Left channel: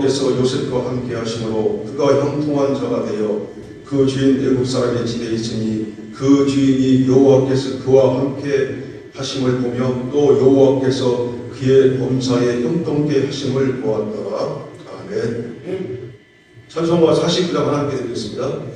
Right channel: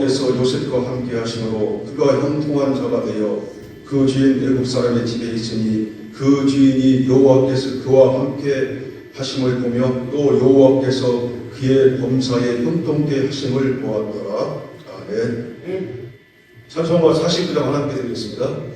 여호와께서 요셉과 함께 하심으로 그가 형통한 자가 되어 그 주인 애굽 사람의 집에 있으니 그 주인이 여호와께서 그와 함께 하심을 보며 또 여호와께서 그의 범사에 형통케 하심을 보았더라. 아멘. 찬송가 49장 하나님께 드리겠습니다.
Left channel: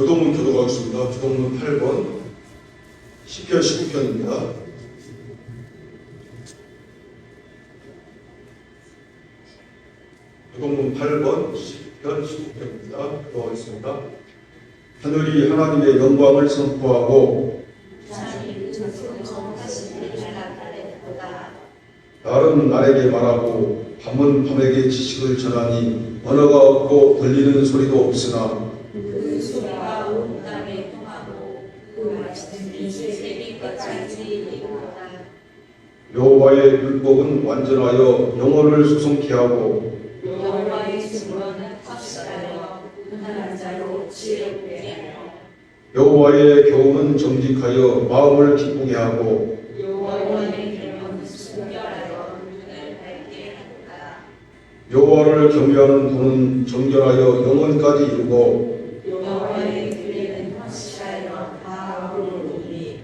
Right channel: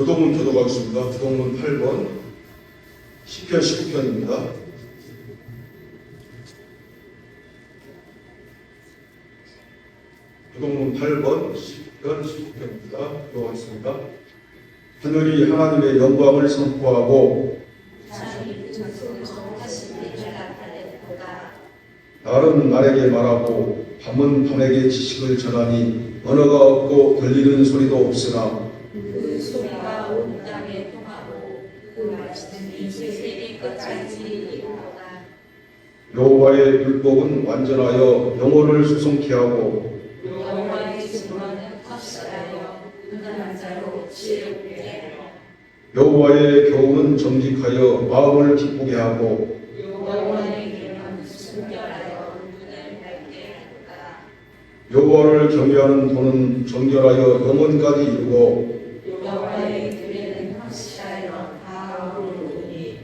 교동문 교도가겠습니다. 교동문 8번 10편 19편입니다. 교동문 8번 10편 19편입니다. 교도하겠습니다. 하늘이 하나님의 영광을 선포하고 날은 날에게 말하고 밤은 밤에게 지식을 전하니 언어가 없고 들리는 소리도 없으나 그 소리가 온 땅에 통하고 그 말씀이 세리까지 이루어다. 여호와의 율법은 완전하여 영혼을 수송케 하고 여호와의 증언은 확실하여 분한 자로 지혜롭게 하여 여호와의 교훈은 정직하여 마음을 기쁘게 하고 여호와의 이름은 순결하여 눈을 밝게 하도다. 여호와를 경외하는 도는 정결하여 영혼까지 이루고 여호와의 규례는 확실하여 다 오르니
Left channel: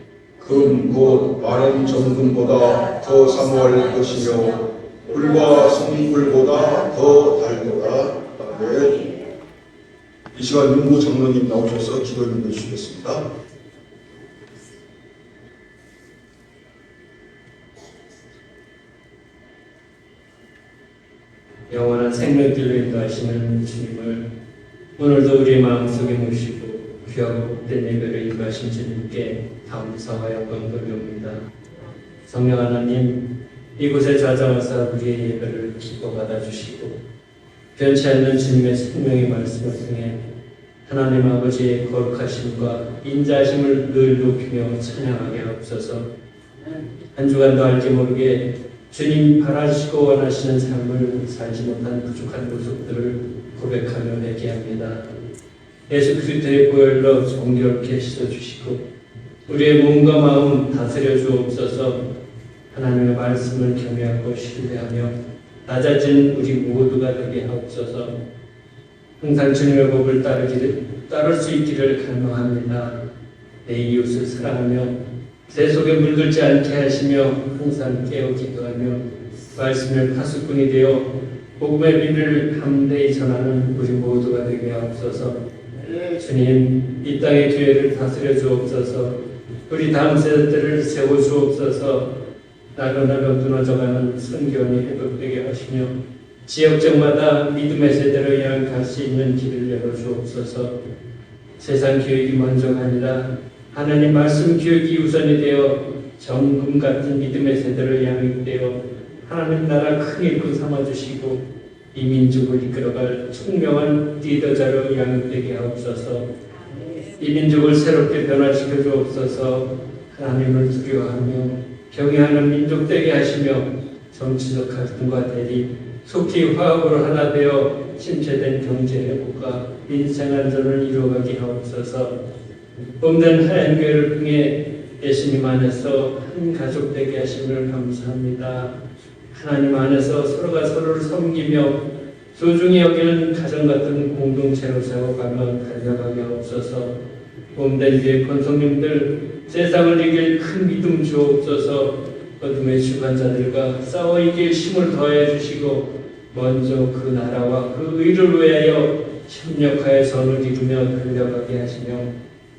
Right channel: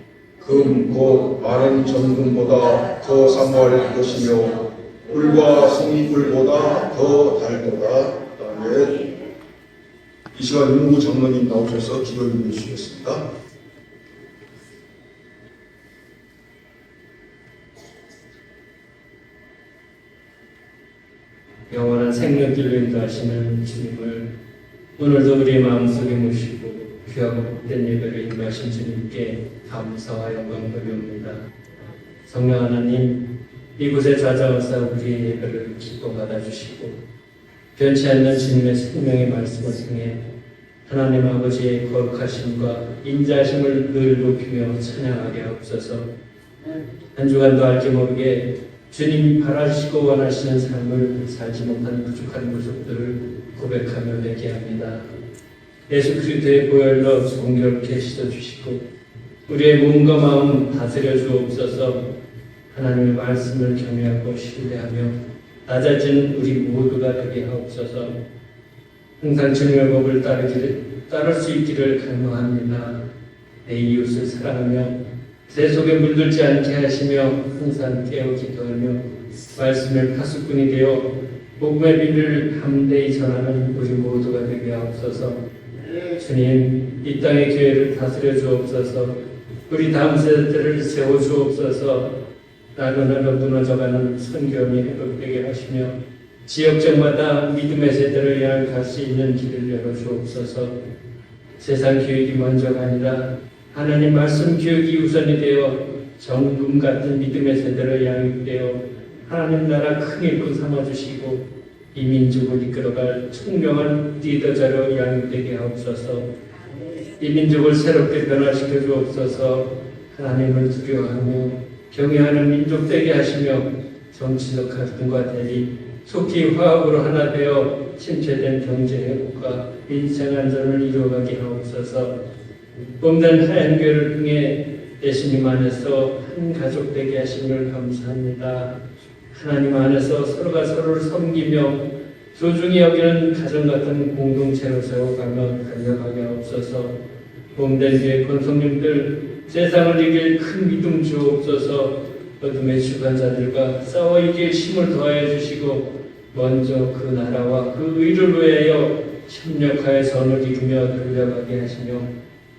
금 곧 마른 정금보다 더 사모할 것이며 꿀과 송이꿀보다 더 달도다. 아멘. 이 시간 윤구 장로님 나오셔서 기도 읽어 주시겠습니다. 영원한 생명길로 인도하시는 주님을 오늘도 우리 마음속에 모시고 귀하고 복된 예배를 인도하신 주님께 감사와 영광 돌려옵니다. 성령 하나님, 이곳에 찾아와서 우리의 예배를 기뻐 받아주시고 변치 않는 주님의 생명의 말씀을 통해 하나님 아버지의 거룩하심과 인자하심을 늘 높이며 찬양하게 하옵소서. 한 주간도 알게 모르게 주님이 바라시고 원하시는 삶을 살지 못한 부족한 모습들을 고백하며 맺게 합니다. 예수 그리스도의 보혈로 정결케 씻어주시고 우리의 몸과 마음 다스려 주옵소서. 하나님의 말씀을 경외하고 신뢰하며 낮아진 우리 모두가 되게 하옵소서. 항상 주님의 법을 따를 수 있기를 간구합니다. 내 이웃을 사랑하며 내 속에 물들지 않게 하시며 항상 깨어 기도하며 말씀을 파수꾼이 되어 복음의 비밀을 담대히 전하는 우리 모두가 되게 하옵소서. 주님, 이 땅의 교회를 다스려 주옵소서. 우리 다음 세대들을 세워 주옵소서. 날로 무너져가는 선교원이 회복되게 하시며 지역적마다 믿음의 세대를 향해 갈 수 있는 길을 열어 주옵소서. 세상 교육이 먼저가 아니라 하나님 말씀 교육이 우선이 되어 정금 같은 믿음의 세대를 양육되어 하나님 나라 큰 일꾼 삼아주시고 이 민족을 이끌어갈 총명한 리더자로 양육되게 하옵소서. 이 민족을 새롭게 변화시켜 주옵소서. 하나님을 두려워하며 경외하는 민족 되게 하시며 정치적 갈등과 대립 속히 화합으로 하나 되어 침체된 경제 회복과 민생 안전을 이루어가게 하옵소서. 몸된 하얀 교회를 통해 예수님 안에서 한 가족 되게 하심을 감사합니다. 하나님 안에서 서로가 서로를 섬기며 소중히 여기는 가정 같은 공동체로 세워가며 달려가게 하옵소서. 몸된 교회 권속님들 세상을 이길 큰 믿음 주옵소서. 어둠의 주관자들과 싸워 이길 힘을 더해 주시고 먼저 그 나라와 그 의를 위하여 협력하여 선을 이루며 달려가게 하시며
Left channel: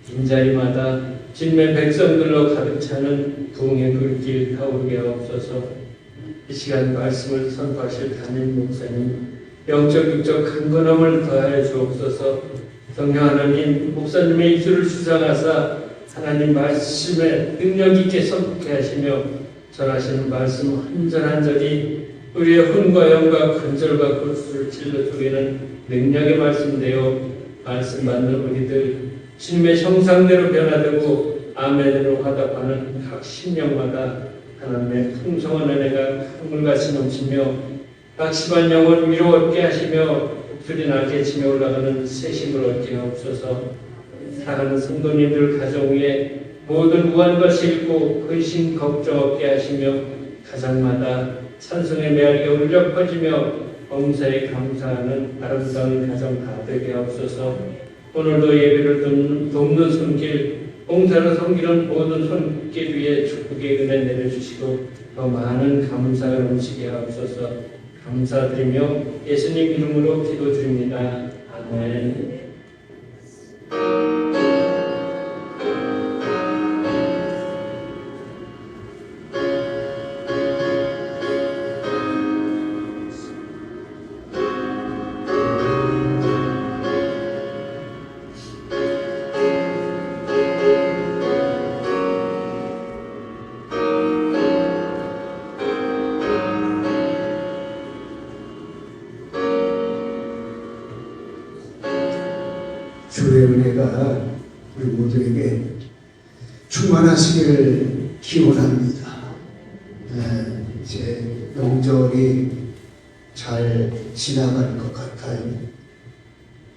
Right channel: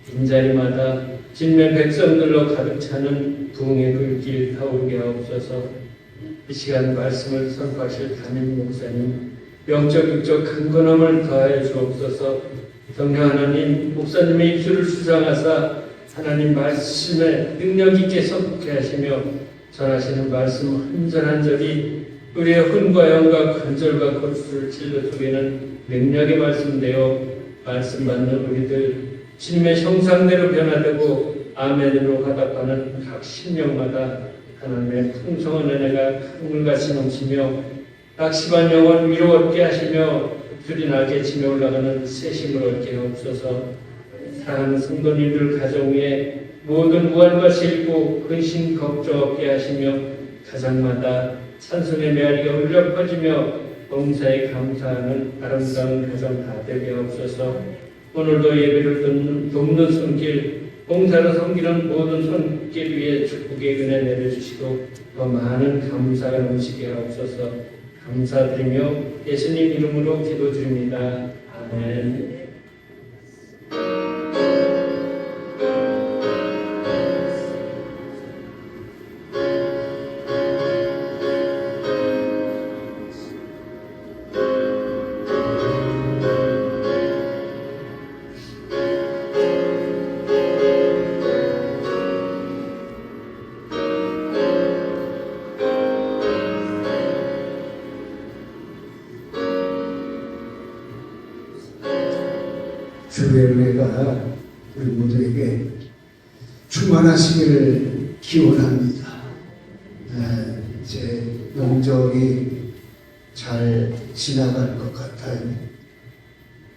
빈자리마다 진면 백성들로 가득 차는 부흥의 불길 타오르게 하옵소서. 이 시간 말씀을 선포하실 담임 목사님 영적 육적 강건함을 더하여 주옵소서. 성령 하나님 목사님의 입술을 주장하사 하나님 말씀에 능력 있게 선포케 하시며 전하시는 말씀 한 절 한 절이 우리의 혼과 영과 관절과 골수를 찔러 쪼개는 능력의 말씀되어 말씀 받는 우리들 주님의 형상대로 변화되고 아멘으로 화답하는 각 심령마다 하나님의 풍성한 은혜가 하늘같이 넘치며 각 시간 영혼 위로 얻게 하시며 복들이 날개 치며 올라가는 새 힘을 얻게 하옵소서. 사랑하는 성도님들 가정 위에 모든 무한과 실고 근심 걱정 없게 하시며 가정마다 찬송의 메아리가 울려 퍼지며 범사에 감사하는 아름다운 가정 다 되게 하옵소서. 오늘도 예배를 돕는 손길 봉사로 섬기는 모든 손길 위에 축복의 은혜 내려주시고 더 많은 감사가 넘치게 하옵소서. 감사드리며 예수님 이름으로 기도드립니다. 아멘. 충만하시기를 기원합니다. 이제 명절이 잘 지나갈 것 같아요.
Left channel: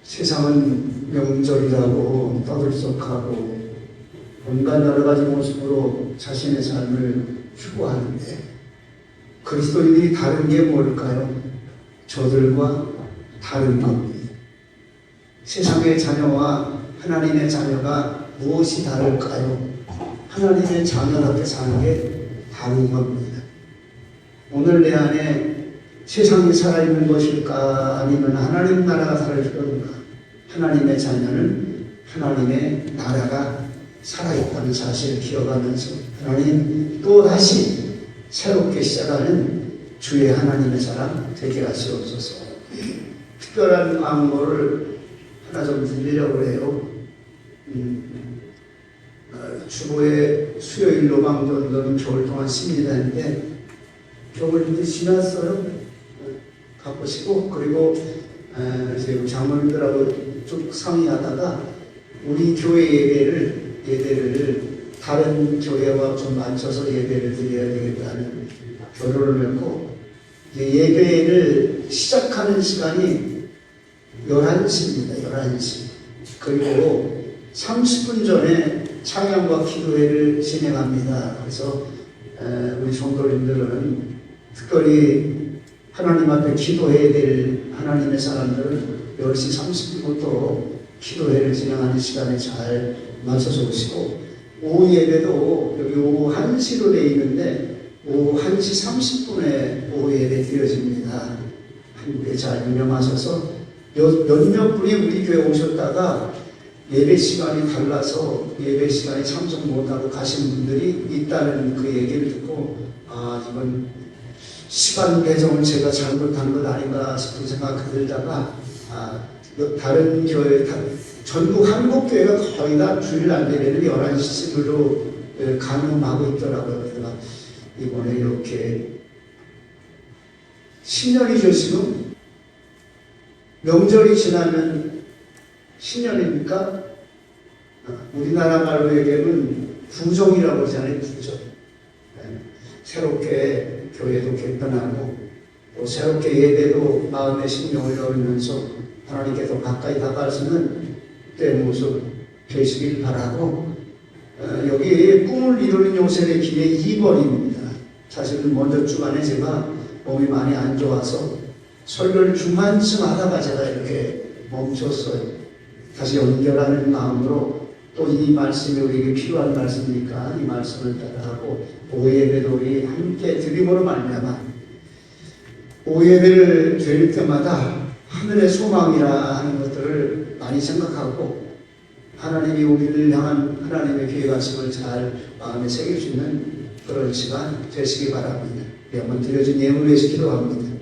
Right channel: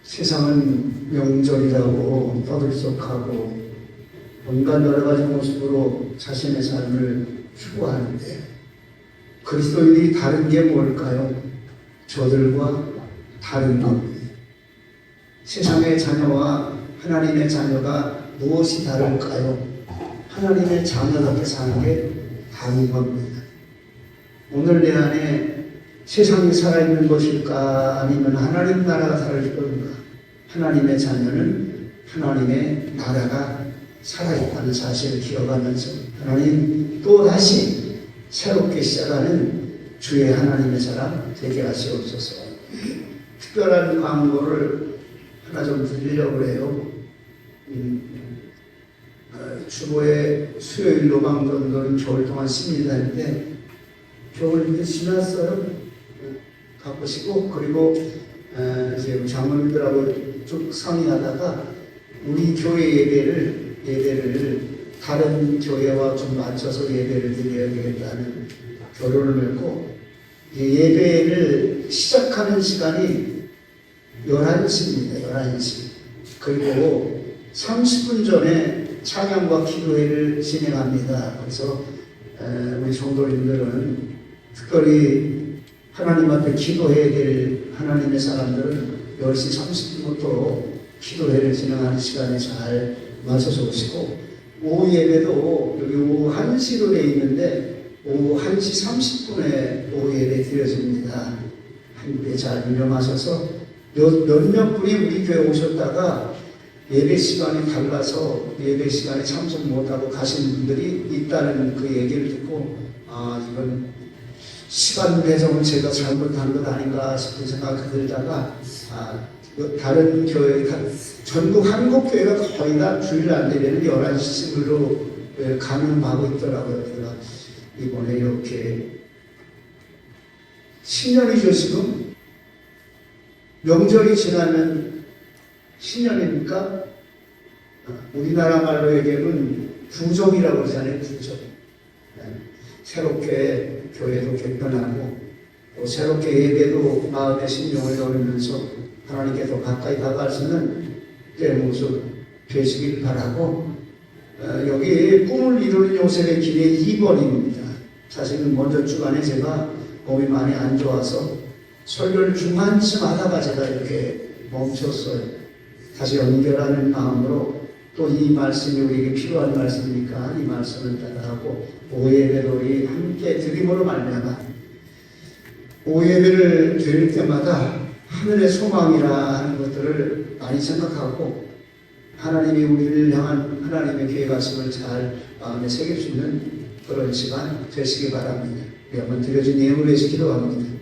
세상은 명절이라고 떠들썩하고 온갖 여러 가지 모습으로 자신의 삶을 추구하는데 그리스도인이 다른 게 뭘까요? 저들과 다른 겁니다. 세상의 자녀와 하나님의 자녀가 무엇이 다를까요? 하나님의 자녀답게 사는 게 다른 겁니다. 오늘 내 안에 세상이 살아있는 것일까 아니면 하나님 나라가 살아있는가? 하나님의 자녀는 하나님의 나라가 살아있다는 사실을 기억하면서 하나님 또 다시 새롭게 시작하는 주의 하나님의 사람 되게 하시옵소서. 특별한 광고를 하나 좀 드리려고 해요. 주보에 수요일 로망전도는 겨울 동안 씁니다 했는데 겨울이 지났어요. 바쁘시고 그리고 이제 장로님들하고 쭉 상의하다가 우리 교회 예배를 다른 교회와 좀 맞춰서 예배를 드려야 되겠다는 결론을 맺고 예배를 시작하는 시간이 11시입니다. 11시. 그리고 30분 전에 찬양과 기도회를 진행합니다. 그래서 우리 성도님들은 특별히 하나님 앞에 기도해야 될 하나님의 사람들은 10시 30분부터 기도회를 진행하는 시간에 잘 맞춰서 오시고 오후 예배도 여기 오후 1시로 되어 있는데 오후 1시 30분에 오후 예배 드려집니다. 한국에 잘 운영하셔서 몇몇 분이 우리 교회 오셨다가 예배 시간이 달라서 예배 시간에 참석 못하고 가신 분들이 있다는 그 얘기를 듣고 이건 시간 배정을 제가 잘못한 것 아닌가 싶은 생각이 들다가 다른 교회 전국 한국 교회가 거의 다 주일날 예배는 11시쯤으로 강요하고 있더라고요. 그래서 이번에 이렇게 10년이죠 지금. 명절이 지나면 10년입니까? 우리나라 말로 얘기하면 부정이라고 하잖아요. 부정. 새롭게 교회도 개편하고 또 새롭게 예배도 마음의 신령을 열면서 하나님께 더 가까이 다가갈 수 있는 때의 모습 되시길 바라고 여기 꿈을 이루는 요셉의 길의 2번입니다. 사실은 먼저 주간에 제가 몸이 많이 안 좋아서 설교를 중간쯤 하다가 제가 이렇게 멈췄어요. 다시 연결하는 마음으로 또 이 말씀이 우리에게 필요한 말씀이니까 이 말씀을 따라하고 오예배도 우리 함께 드림으로 말미암아 오예배를 드릴 때마다 하늘의 소망이라 하는 것들을 많이 생각하고 하나님이 우리를 향한 하나님의 계획하심을 잘 마음에 새겨주는 그런 시간 되시기 바랍니다. 영원 드려진 예물에 기도합니다.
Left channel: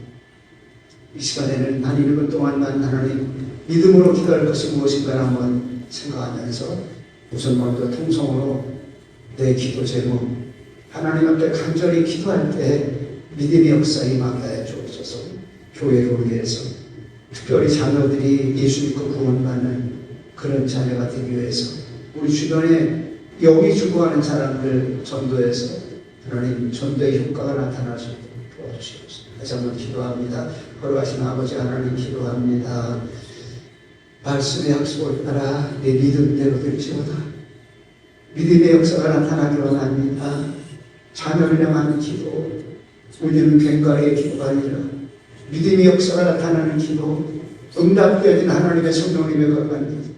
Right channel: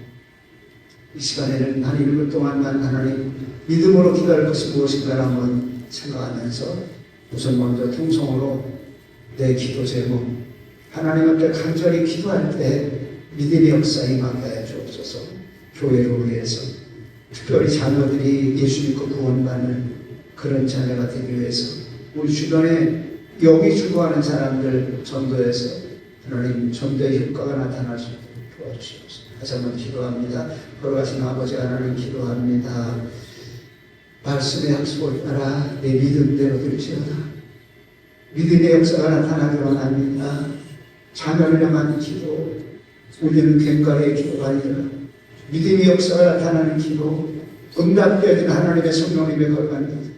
이 시간에는 한 1분 동안만 하나님 믿음으로 기도할 것이 무엇인가 한번 생각하면서 우선 먼저 통성으로 내 기도 제목 하나님 앞에 간절히 기도할 때 믿음의 역사 임하게 하여 주옵소서. 교회를 위해서 특별히 자녀들이 예수 믿고 구원받는 그런 자녀가 되기 위해서 우리 주변에 영이 주고하는 사람들 전도해서 하나님 전도의 효과가 나타날 수 있도록 도와주시옵소서. 다시 한번 기도합니다. 걸어가신 아버지 하나님 기도합니다. 말씀의 약속을 따라 내 믿음대로 될지어다. 믿음의 역사가 나타나기 원합니다. 자녀를 향한 기도, 우리는 괭과의 기도가 아니라 믿음의 역사가 나타나는 기도, 응답되어진 하나님의 성령님의 것입니다.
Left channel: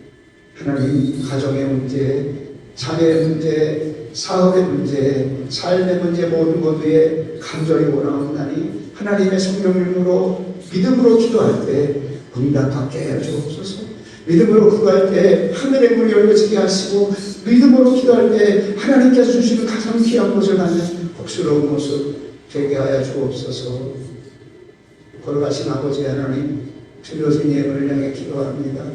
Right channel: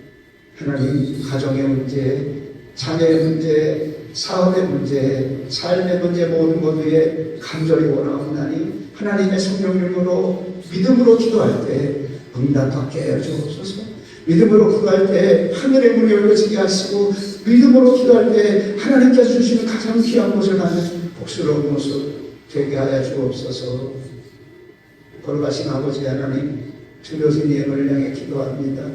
하나님 가정의 문제, 자녀의 문제, 사업의 문제, 삶의 문제 모든 것 위에 간절히 원하오나니 하나님의 성령님으로 믿음으로 기도할 때 응답받게 해 주옵소서. 믿음으로 기도할 때 하늘의 문이 열려지게 하시고 믿음으로 기도할 때 하나님께서 주시는 가장 귀한 것을 나는 복스러운 모습 되게 하여 주옵소서. 걸어가신 아버지 하나님 드려진 예물을 향해 기도합니다.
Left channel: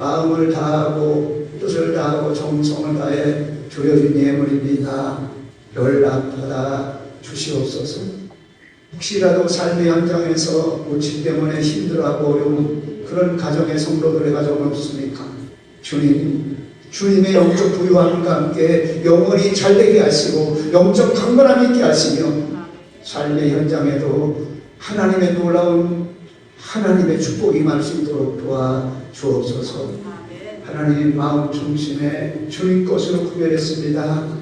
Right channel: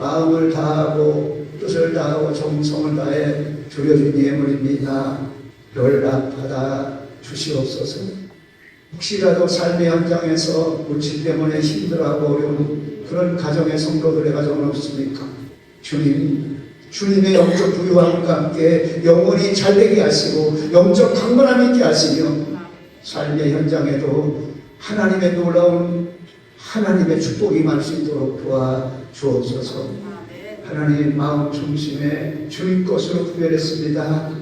마음을 다하고 뜻을 다하고 정성을 다해 드려진 예물입니다. 연락받아 주시옵소서. 혹시라도 삶의 현장에서 문신 때문에 힘들어하고 어려운 그런 가정의 성도들의 가정은 없습니까? 주님 주님의 영적 부유함과 함께 영혼이 잘되게 하시고 영적 강건함 있게 하시며 삶의 현장에도 하나님의 놀라운 하나님의 축복이 임할 수 있도록 도와주옵소서. 하나님 마음 중심에 주님 것으로 구별했습니다.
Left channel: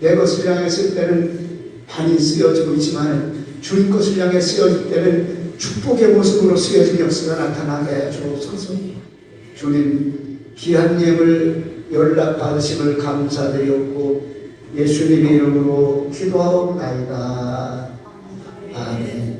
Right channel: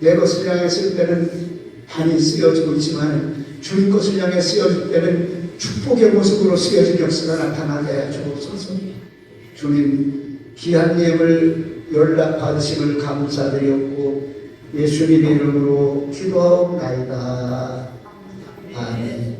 내 것을 향해 쓸 때는 반이 쓰여지고 있지만 주님 것을 향해 쓰여질 때는 축복의 모습으로 쓰여진 역사가 나타나게 주옵소서. 주님 귀한 예물 연락받으심을 감사드렸고 예수님의 이름으로 기도하옵나이다. 아멘.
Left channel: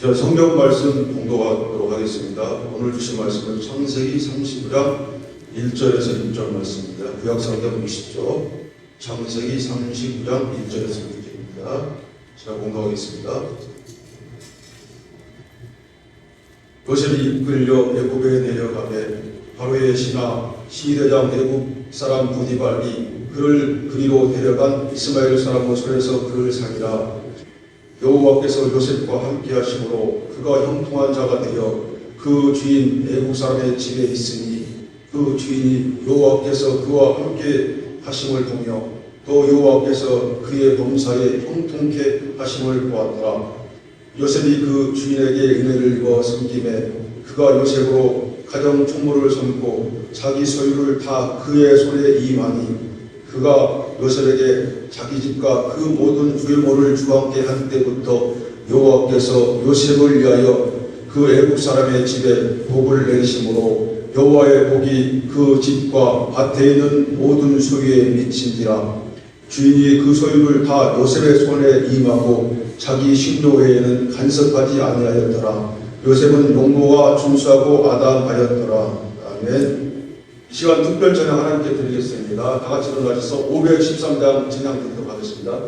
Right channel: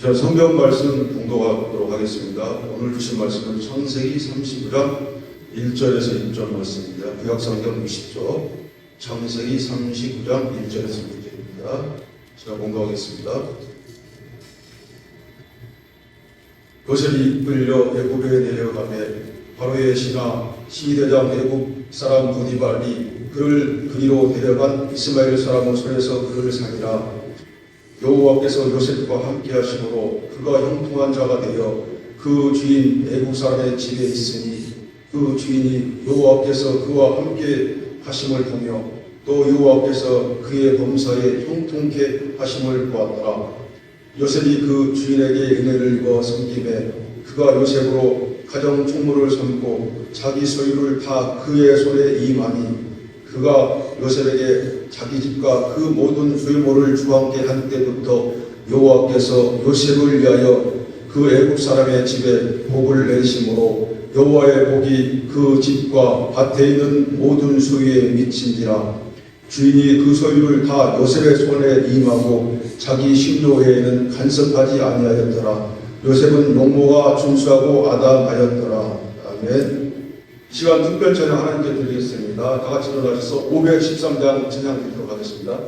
자, 성경 말씀 공독하도록 하겠습니다. 오늘 주신 말씀은 창세기 30장 1절에서 6절 말씀입니다. 구약성경 60조 창세기 30장 1절에서 6절입니다. 제가 공독하겠습니다. 요셉이 이끌려 애굽에 내려가매 바로의 신하 시대장 애굽 사람 보디발이 그를 그리로 데려간 이스마엘 사람의 손에서 그를 살리라. 여호와께서 요셉과 함께 하심으로 그가 형통한 자가 되어 그 주인 애국 사람의 집에 있으니 그 주인이 여호와께서 그와 함께 하심을 보며 또 여호와께서 그의 범사에 형통케 하심을 보았더라. 요셉이 그 주인에게 은혜를 입어 섬김에 그가 요셉으로 가정 총무를 섬고 자기 소유를 다 그의 손에 임하니 그가 요셉에게 자기 집과 그 모든 부유물을 주관케 한 때부터 여호와께서 요셉을 위하여 그 애국 사람의 집에 복을 내리심으로 여호와의 복이 그 집과 밭에 있는 모든 소유에 미친지라. 주인이 그 소유를 다 요셉의 손에 임하고 자기 식료회에는 간섭하지 아니하였더라. 요셉은 용모가 준수하고 아담하였더라. 아멘. 이 시간 특별 찬양 하나님께 드리겠습니다. 다 같이 일어나셔서 513장 찬양 드리도록 하겠습니다.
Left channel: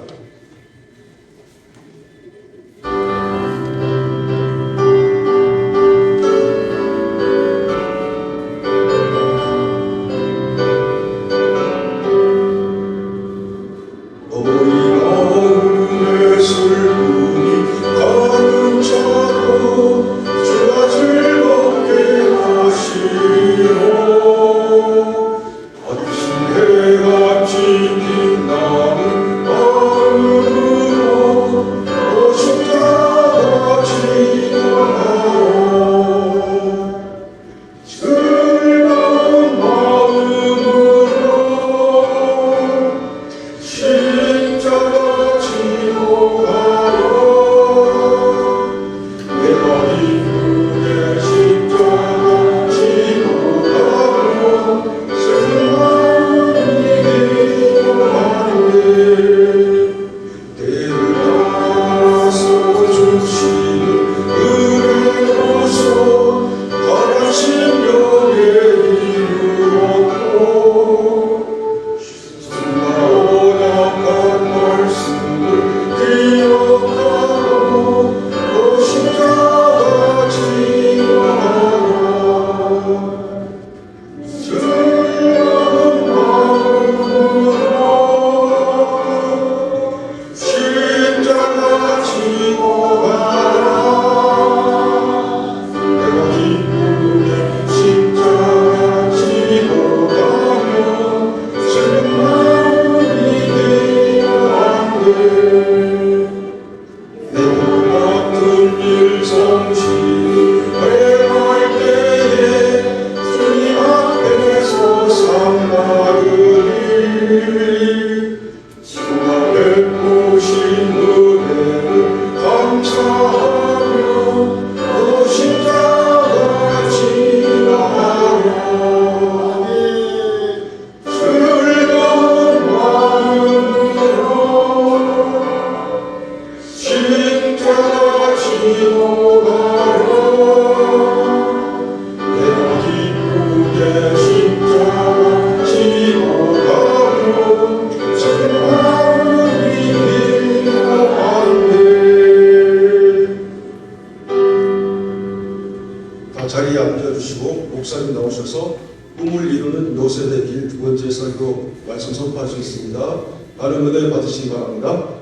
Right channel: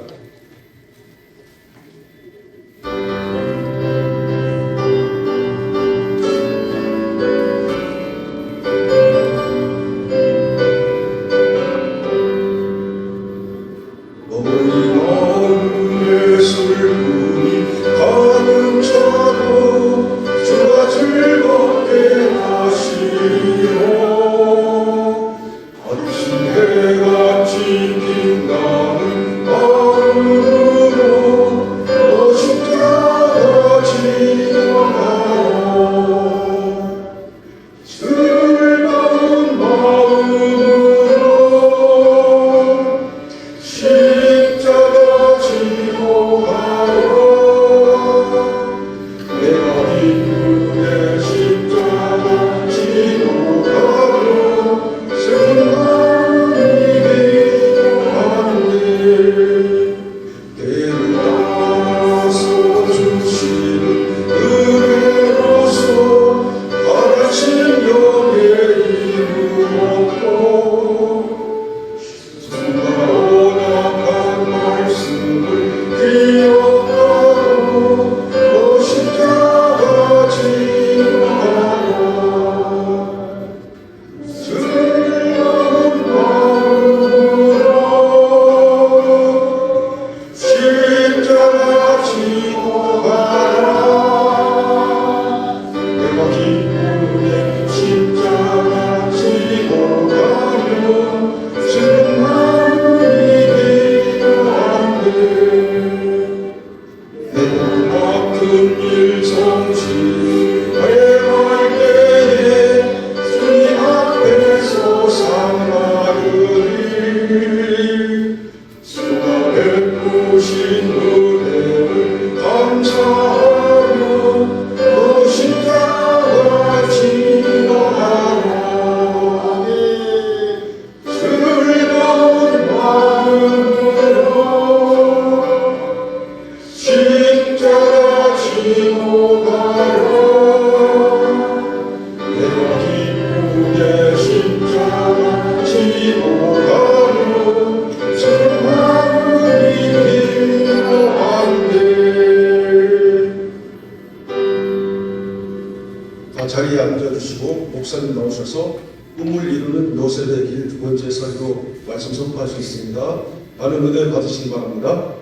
자리에 앉아주시고 목사님 나오셔서 꿈을 이루는 요셉의 길 두 번째 설교 말씀 선포하시겠습니다. 많은 은혜 받으시기 바랍니다.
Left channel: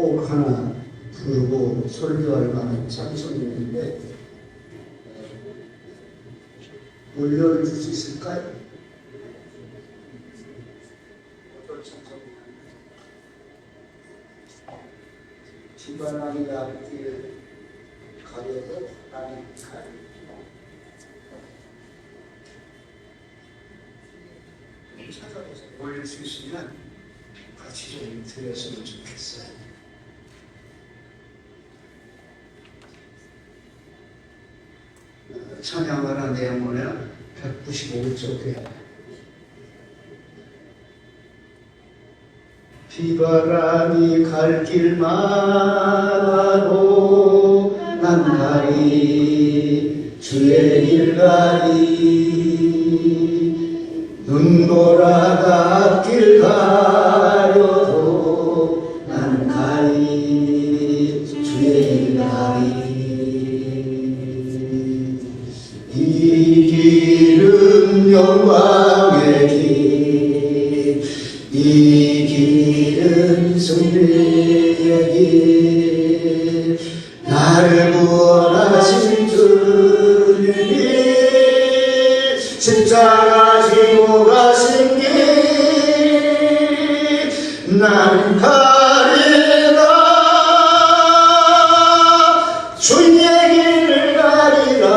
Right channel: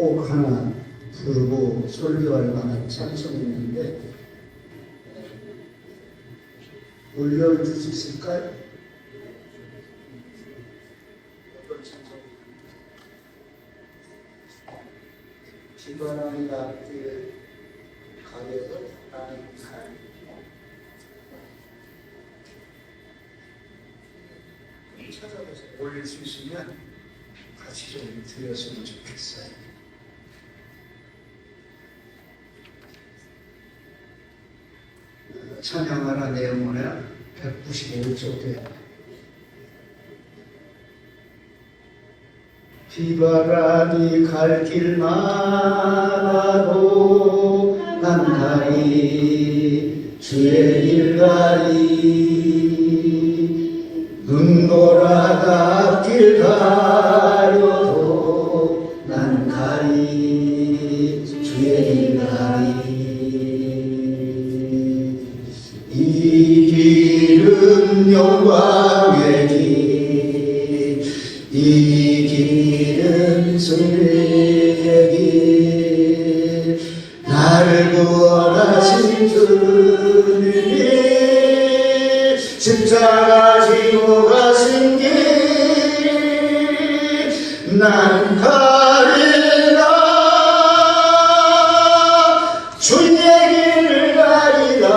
꼭 하나 부르고 설교할 만한 찬송인데 올려줄 수 있을까요? 기반하니 앞길 가려도 나는 갈 찾아보세요. 올릴 수 있으면 같이 좀 드렸으면 좋겠어요. 찬양하라 내 영혼아 195쪽에 비바람이 갈 길마다도 난 가리 주의 길 가리 눈 돌아가 길 가려도 난 가리 주의 길 가리 이 길은 영광의 길, 이 길은 승리의 길, 나를 구원하신 주님이 십자가 지고 가신 길, 난 가리라 주의 길을 가리라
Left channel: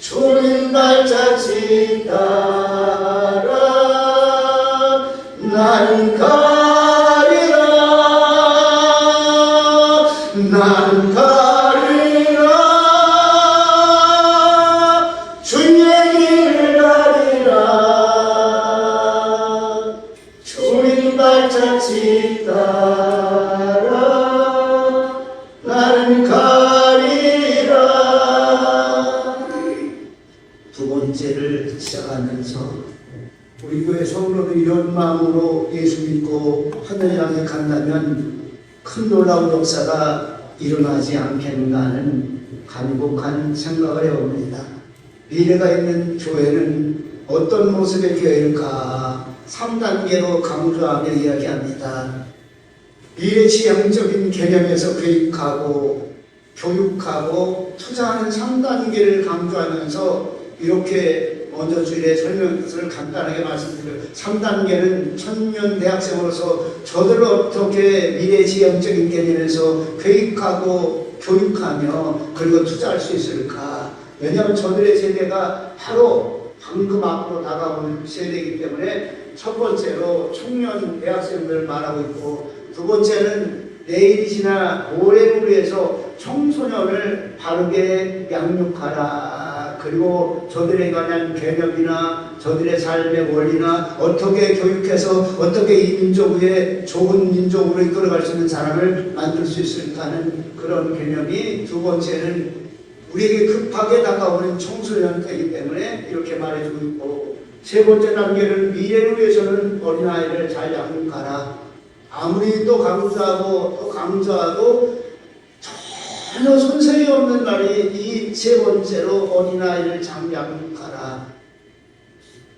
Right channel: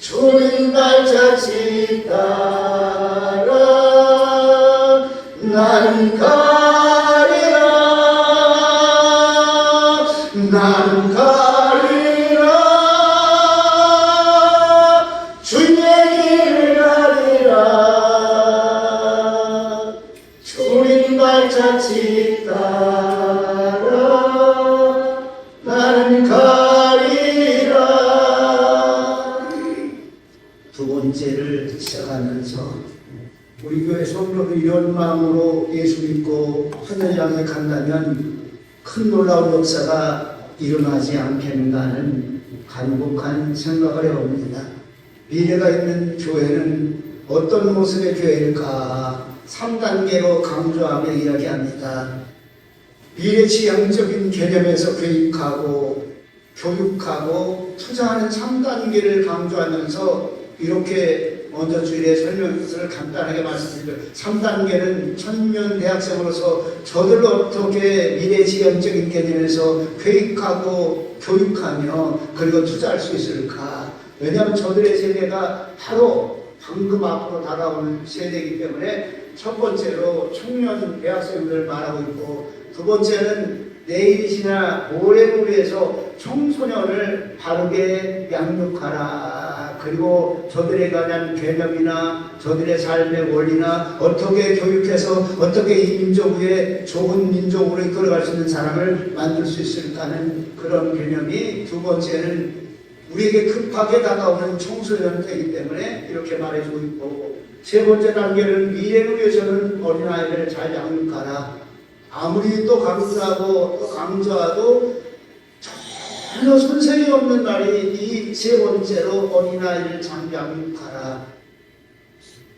주님 발자취 따라 난 가리라 난 가리라 주의 길을 가리라 주님 발자취 따라 난 가리라. 두 번째를 시작하면서 우리 교회 성도들 이런 마음으로 예수 믿고 하늘 향해 간다면 큰 놀라운 역사가 일어나지 않겠는가 하는 간곡한 생각을 해봅니다. 미래가 있는 교회는 어떤 모습의 교회일까? 3단계로 강조하며 이야기합니다. 미래지향적인 개념에서 교육하고 교육하고 투자하는 3단계를 강조하면서 이렇게 먼저 주일의 설명을 간단하게 말씀드려요. 3단계는 청년 대학생으로서 저들을 어떻게 미래지향적인 개념에서 교육하고 교육하며 그리고 투자할 수 있을까? 왜냐하면 저들의 세대가 바로 방금 앞으로 다가오는 세대이기 때문에 첫 번째로 청년 대학생들을 말하고 있고 두 번째는 내일이나 모레를 위해서 청소년을 바르게 양육하라. 그리고 저들에 관한 개념이나 저들의 삶의 원리나 어떻게 교육해서 어떻게 이 민족 위에 좋은 민족으로 이끌어갈 수 있는 사람을 만들 수 있을까 하는 그런 개념이 두 번째는 우리에게 급하게 다가오는 청소년 때이기 때문에 이렇게 말해주고 있고 세 번째 단계는 미래를 위해서는 어린아이를 잘 양육하라. 아무리 또 강조하고 또 강조하도 전혀 손색이 없는 말이 이 세 번째로 어린아이를 잘 양육하라.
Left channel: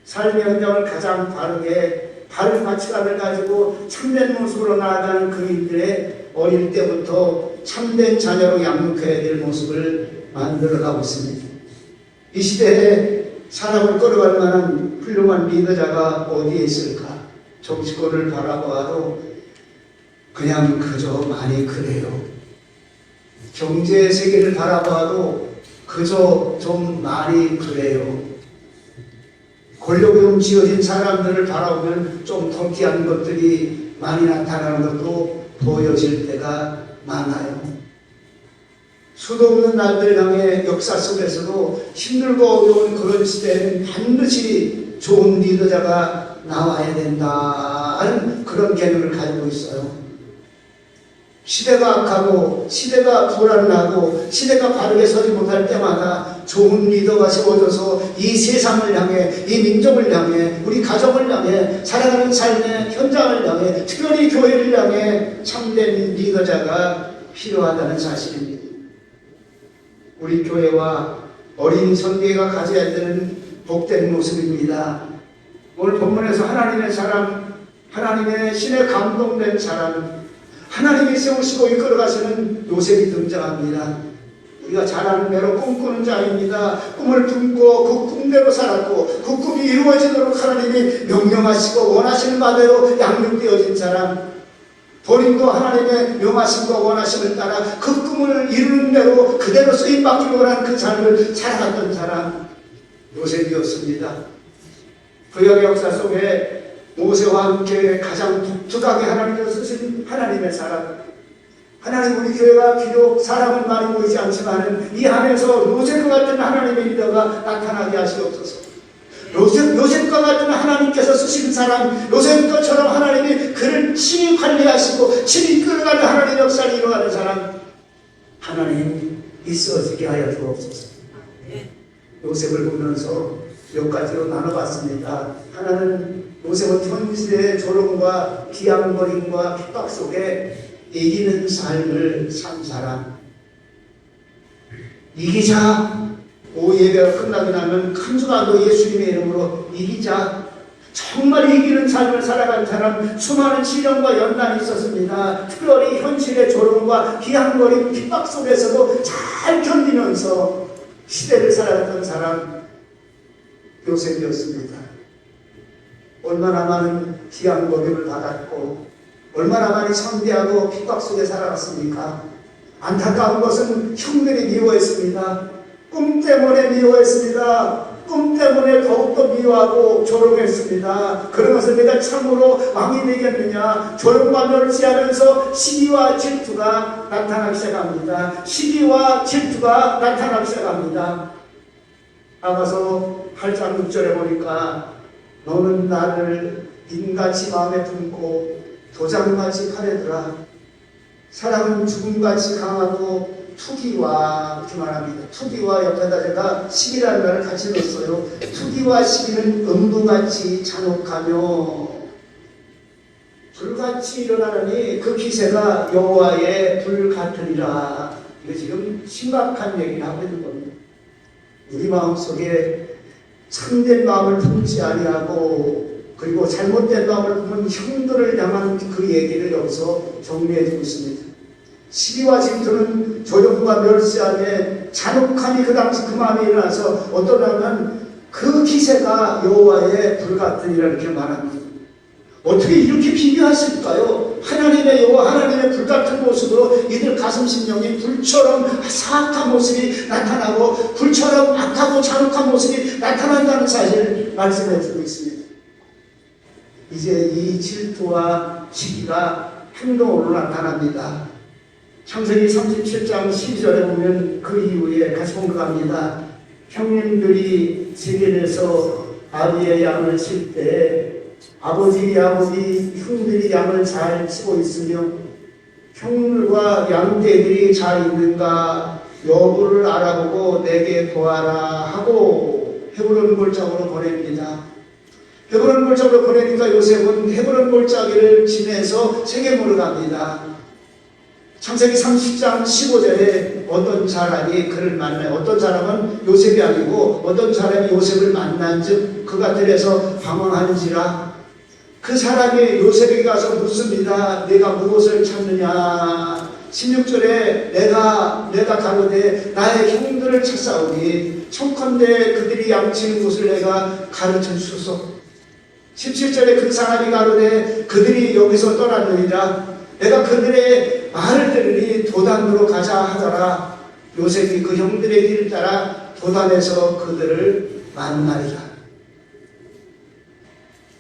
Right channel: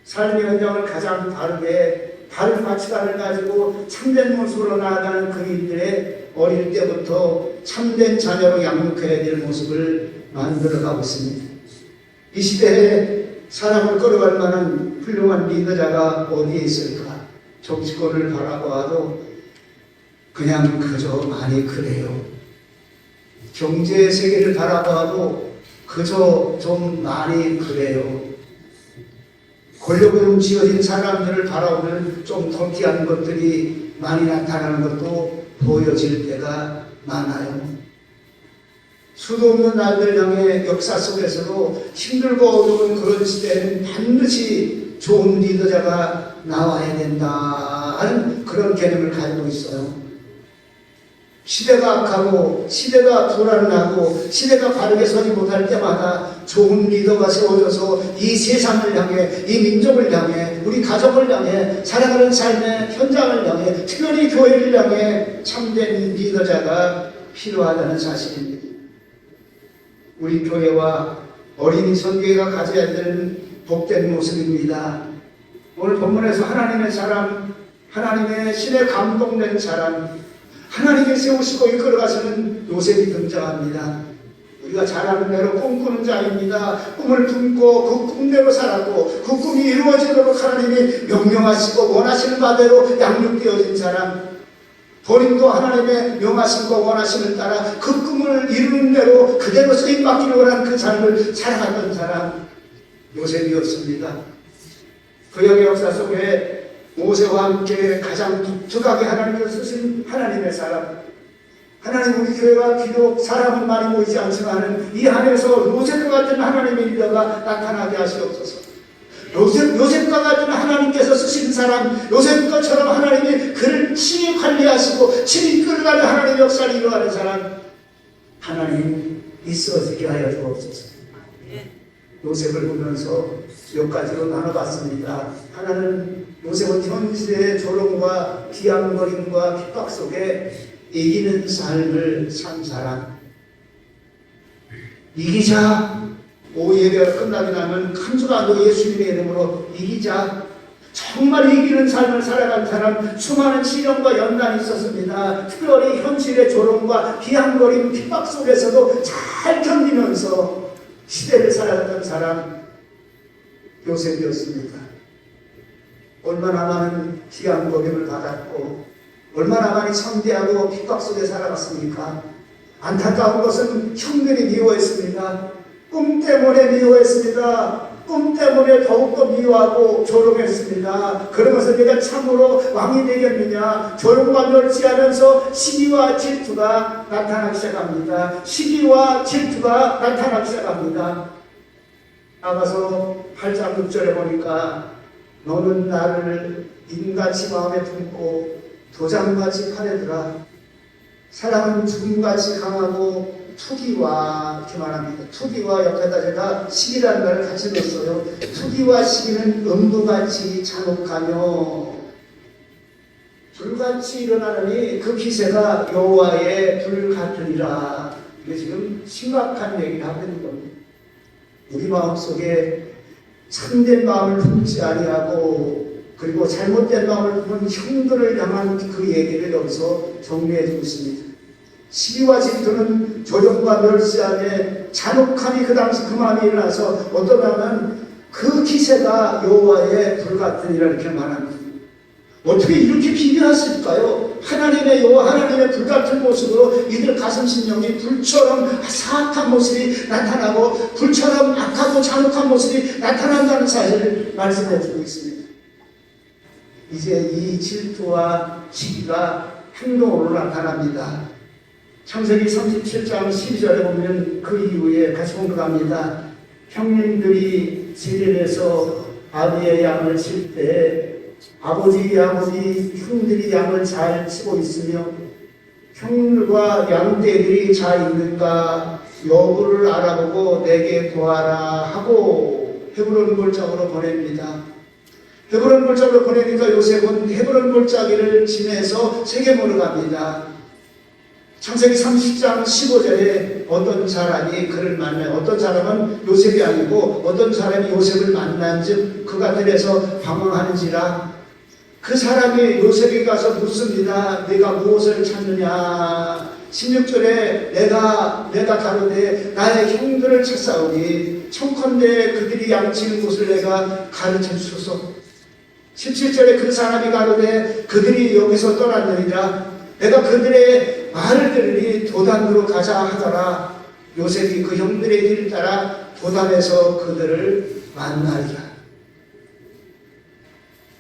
삶의 현장을 가장 바르게 바른 가치관을 가지고 참된 모습으로 나아가는 그들의 어릴 때부터 참된 자녀로 양육해야 될 모습을 만들어가고 있습니다. 이 시대에 사람을 끌어갈 만한 훌륭한 리더자가 어디에 있을까? 정치권을 바라보아도 그냥 그저 많이 그래요. 경제 세계를 바라봐도 그저 좀 많이 그래요. 권력에 좀 지어진 사람들을 바라보면 좀 더티한 것들이 많이 나타나는 것도 보여질 때가 많아요. 수도 없는 날들 향해 역사 속에서도 힘들고 어려운 그런 시대에는 반드시 좋은 리더자가 나와야 된다 하는 그런 개념을 가지고 있어요. 시대가 악하고 시대가 불안하고 시대가 바르게 서지 못할 때마다 좋은 리더가 세워져서 이 세상을 향해 이 민족을 향해 우리 가정을 향해 살아가는 삶의 현장을 향해 특별히 교회를 향해 참된 리더자가 필요하다는 사실입니다. 우리 교회와 어린이 선교회가 가져야 되는 복된 모습입니다. 오늘 본문에서 하나님의 사람 하나님의 신에 감동된 사람, 하나님이 세우시고 이끌어가시는 요셉이 등장합니다. 우리가 잘 아는 대로 꿈꾸는 자입니다. 꿈을 품고 그 꿈대로 살았고 그 꿈이 이루어지도록 하나님이 명령하시고 원하시는 바대로 양육되어진 사람, 본인도 하나님의 명하심과 원하심을 따라 그 꿈을 이루는 대로 그대로 쓰임받기를 원하는 그 삶을 살아갔던 사람, 요셉이었습니다. 구약 역사 속에 모세와 함께 가장 독특하게 하나님께서 쓰신 하나님의 사람, 하나님 우리 교회가 비록 사람은 많이 모이지 않지만 이 안에서 요셉과 같은 하나님의 리더가 나타나게 하시옵소서. 요셉과 같은 하나님께서 쓰신 사람, 요셉처럼 하나님이 그를 친히 관리하시고 친히 이끌어가는 하나님의 역사를 이루어가는 사람, 하나님 있어지게 하여 주옵소서. 요셉을 보면서 몇 가지로 나눠봤습니다. 하나는 요셉은 현실의 조롱과 비아냥거림과 핍박 속에 이기는 삶을 산 사람. 이기자. 예배가 끝나고 나면 칸수가도 예수님의 이름으로 이기자. 정말 이기는 삶을 살아간 사람, 수많은 시련과 연단이 있었습니다. 특별히 현실의 조롱과 비아냥거림, 핍박 속에서도 잘 견디면서 시대를 살아갔던 사람, 요셉이었습니다. 얼마나 많은 비아냥거림을 받았고 얼마나 많이 참대하고 핍박 속에 살아왔습니까? 안타까운 것은 형들이 미워했습니다. 꿈 때문에 미워했습니다. 꿈 때문에 더욱더 미워하고 조롱했습니다. 그러면서 내가 참으로 왕이 되겠느냐, 조롱과 멸시하면서 시기와 질투가 나타나기 시작합니다. 시기와 질투가 나타나기 시작합니다. 나가서 8장 6절에 보니까 너는 나를 인같이 마음에 품고 도장같이 팔에두라. 사랑은 죽음같이 강하고 투기와, 이렇게 말합니다. 투기와 옆에다 제가 시기라는 말을 같이 넣었어요. 투기와 시기는 음부같이 잔혹하며 불같이 일어나느니 그 기세가 여호와의 불 같으리라. 이게 지금 심각한 얘기를 하고 있는 겁니다. 우리 마음속에 참된 마음을 품지 아니하고 그리고 잘못된 마음을 품은 형들을 향한 그 얘기를 여기서 정리해 주고 있습니다. 시기와 질투는 조롱과 멸시함에 잔혹함이 그 당시 그 마음이 일어나서 어떠냐면 그 기세가 여호와의 불 같으니라 이렇게 말합니다. 어떻게 이렇게 비교하실까요? 하나님의 여호와, 하나님의 불 같은 모습으로 이들 가슴 심령이 불처럼 사악한 모습이 나타나고 불처럼 악하고 잔혹한 모습이 나타난다는 사실을 말씀해 주고 있습니다. 이제 이 질투와 시기가 행동으로 나타납니다. 창세기 37장 12절에 보면 그 이후에 같이 공부합니다. 형님들이 지면에서 아비의 양을 칠 때 아버지 야곱이 형들이 양을 잘 치고 있으며 형들과 양떼들이 잘 있는가 여부를 알아보고 내게 보아라 하고 헤브론 골짜기로 보냅니다. 헤브론 골짜기로 보내니까 요셉은 헤브론 골짜기를 지내서 세겜으로 갑니다. 창세기 30장 15절에 어떤 사람이 그를 만나요. 어떤 사람은 요셉이 아니고 어떤 사람이 요셉을 만난 즉 그가 들에서 방황하는지라. 그 사람이 요셉에게 가서 묻습니다. 네가 무엇을 찾느냐. 16절에 내가 가로되 나의 형들을 찾사오니 청컨대 그들이 양치는 곳을 내가 가르쳐 주소서. 17절에 그 사람이 가로되 그들이 여기서 떠나느니라. 내가 그들의 말을 들으니 도단으로 가자 하더라. 요셉이 그 형들의 길을 따라 도단에서 그들을 만나리라.